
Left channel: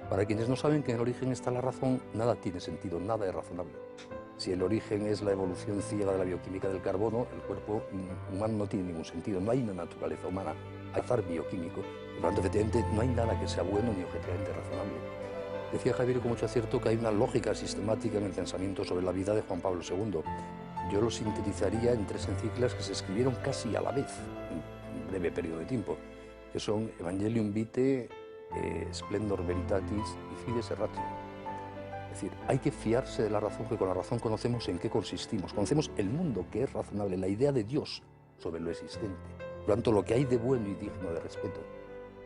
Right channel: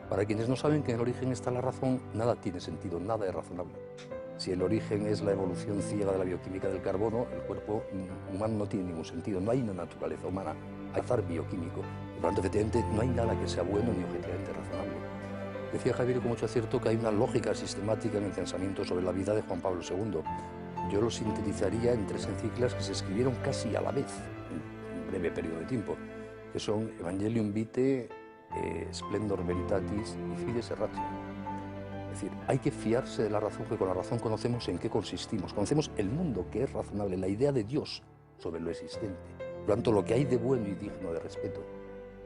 Para quienes no saben que en el origen está la razón, nada tiene sentido, nada es razonable. Si el origen es la evolución ciega de la bioquímica del carbono, el cuerpo humano no tiene ningún sentido, no hay una naturaleza humana, hay azar bioquímico. Por lo tanto, efectivamente, no hay nada que sea bueno ni objetivamente razonable. Decía Javier con mucho acierto que hay una lógica sistemática en el pensamiento sobre la vida de Juan Pablo II. Yo lo sintetizaría en 3 encíclicas que se escribieron casi a la vez, en un breve periodo de tiempo, que son Evangelium Vitae, Splendor Veritatis y Fides Ratio. Es decir, hay que fiarse de la razón, porque con la razón conocemos en qué consistimos, conocemos el mundo que es razonable, la idea de Dios sobre lo existente, por lo tanto lo que hay de bueno y digno de respeto.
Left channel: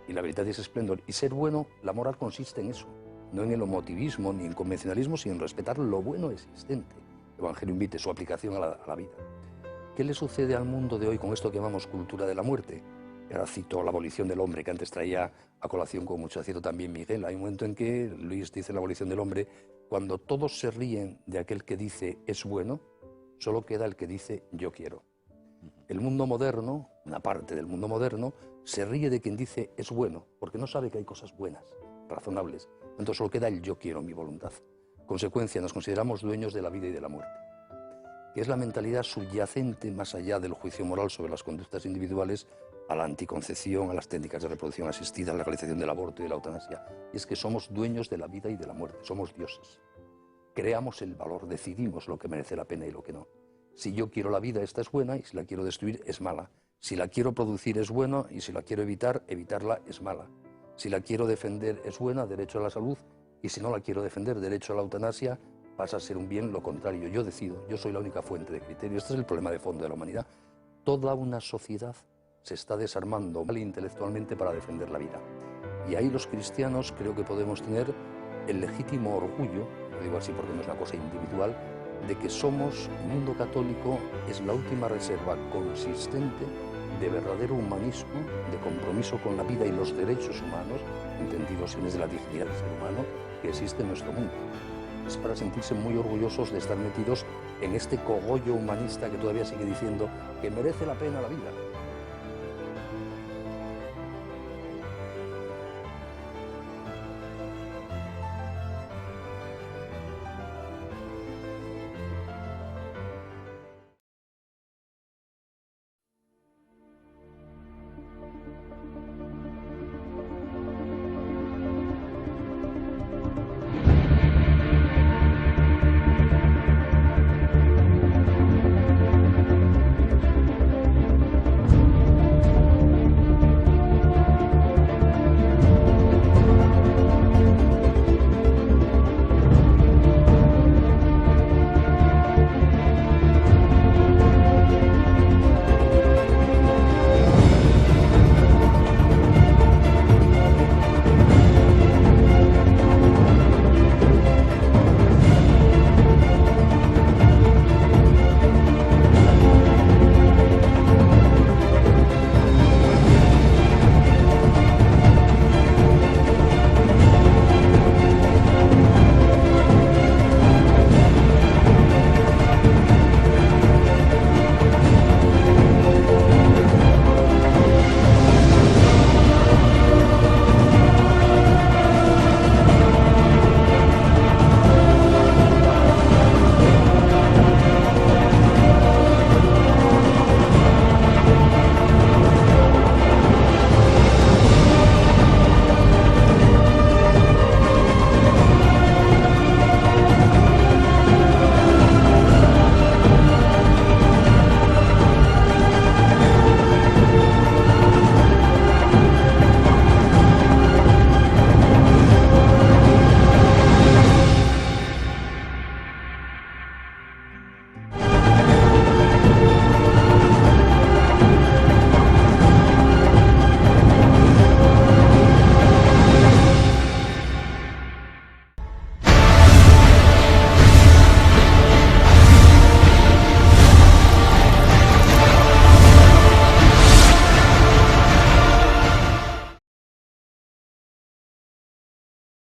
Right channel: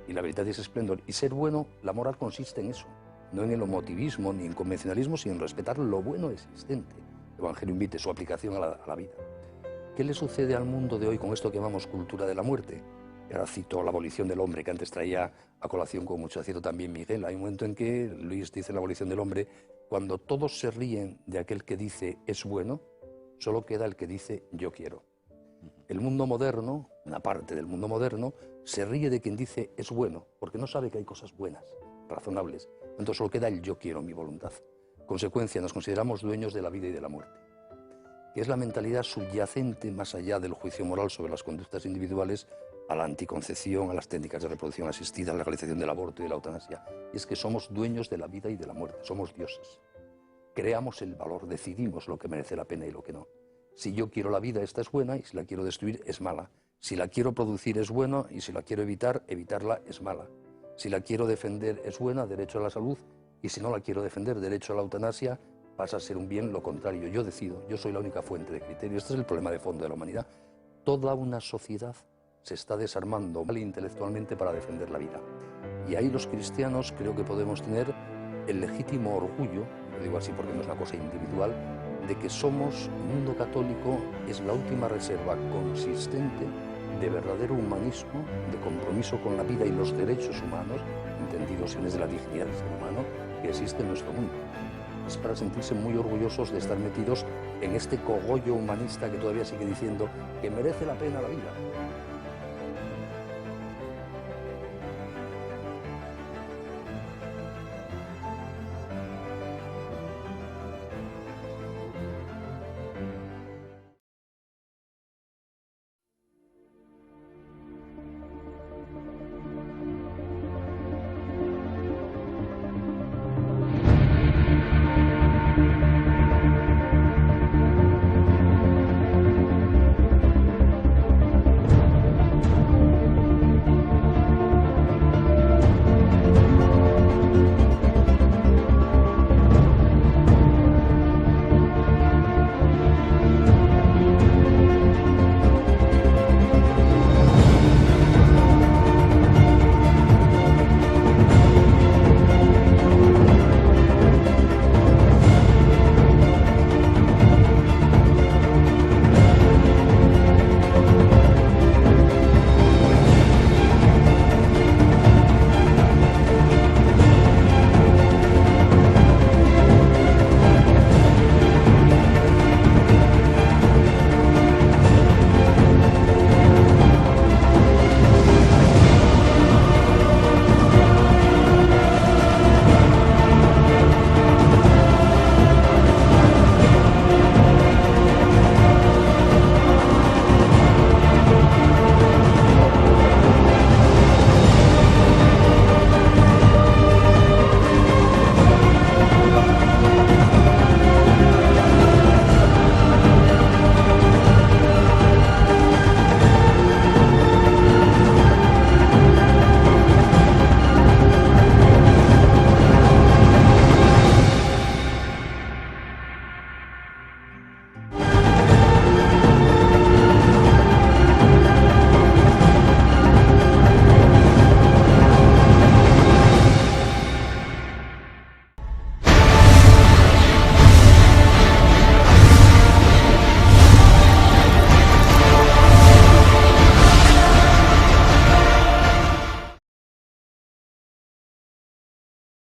Y la Veritatis Splendor, y ser bueno, la moral consiste en eso, no en el homotivismo ni en convencionalismo, sino en respetar lo bueno existente. Evangelium Vitae, su aplicación a la vida. ¿Qué le sucede al mundo de hoy con esto que llamamos cultura de la muerte? Y ahora cito la abolición del hombre, que antes traía a colación con mucho acierto también Miguel. Hay un momento en que Luis dice en la abolición del hombre, cuando todos se ríen de aquel que dice es bueno, solo queda el que dice yo quiero. El mundo moderno, una parte del mundo moderno, se ríe de quien dice es bueno, porque no sabe que hay cosas buenas, razonables. Entonces solo queda el yo quiero, mi voluntad. Consecuencia, nos consideramos dueños de la vida y de la muerte, que es la mentalidad subyacente más allá del juicio moral sobre las conductas individuales a la anticoncepción, a las técnicas de reproducción asistida, a la legalización del aborto y de la eutanasia. Y es que somos dueños de la vida y de la muerte, somos dioses. Creamos el valor, decidimos lo que merece la pena y lo que no. Si yo quiero la vida, esta es buena, y si la quiero destruir, es mala. Si la quiero producir, es buena, y si la quiero evitar, evitarla es mala. Si la quiero defender, es buena, derecho a la salud, y si no la quiero defender, derecho a la eutanasia, pasa a ser un bien lo contrario. Yo decido, yo soy la única fuente de criterio. Este es el problema de fondo de la humanidad. Toda una sociedad se está desarmando intelectualmente para defender la vida. Y ahí los cristianos creo que podemos tener el legítimo orgullo, lo digo así porque no es una cosa individual, de que somos, el mundo católico es la última reserva consistente de verdadero humanismo, de compromiso con la vida y los derechos humanos, entendidos en de la dignidad del ser humano, que existe en nuestro mundo. Es para sentirse muy orgullosos de estar metidos en este cogollo humanista que todavía sigue diciendo que merece la pena la vida.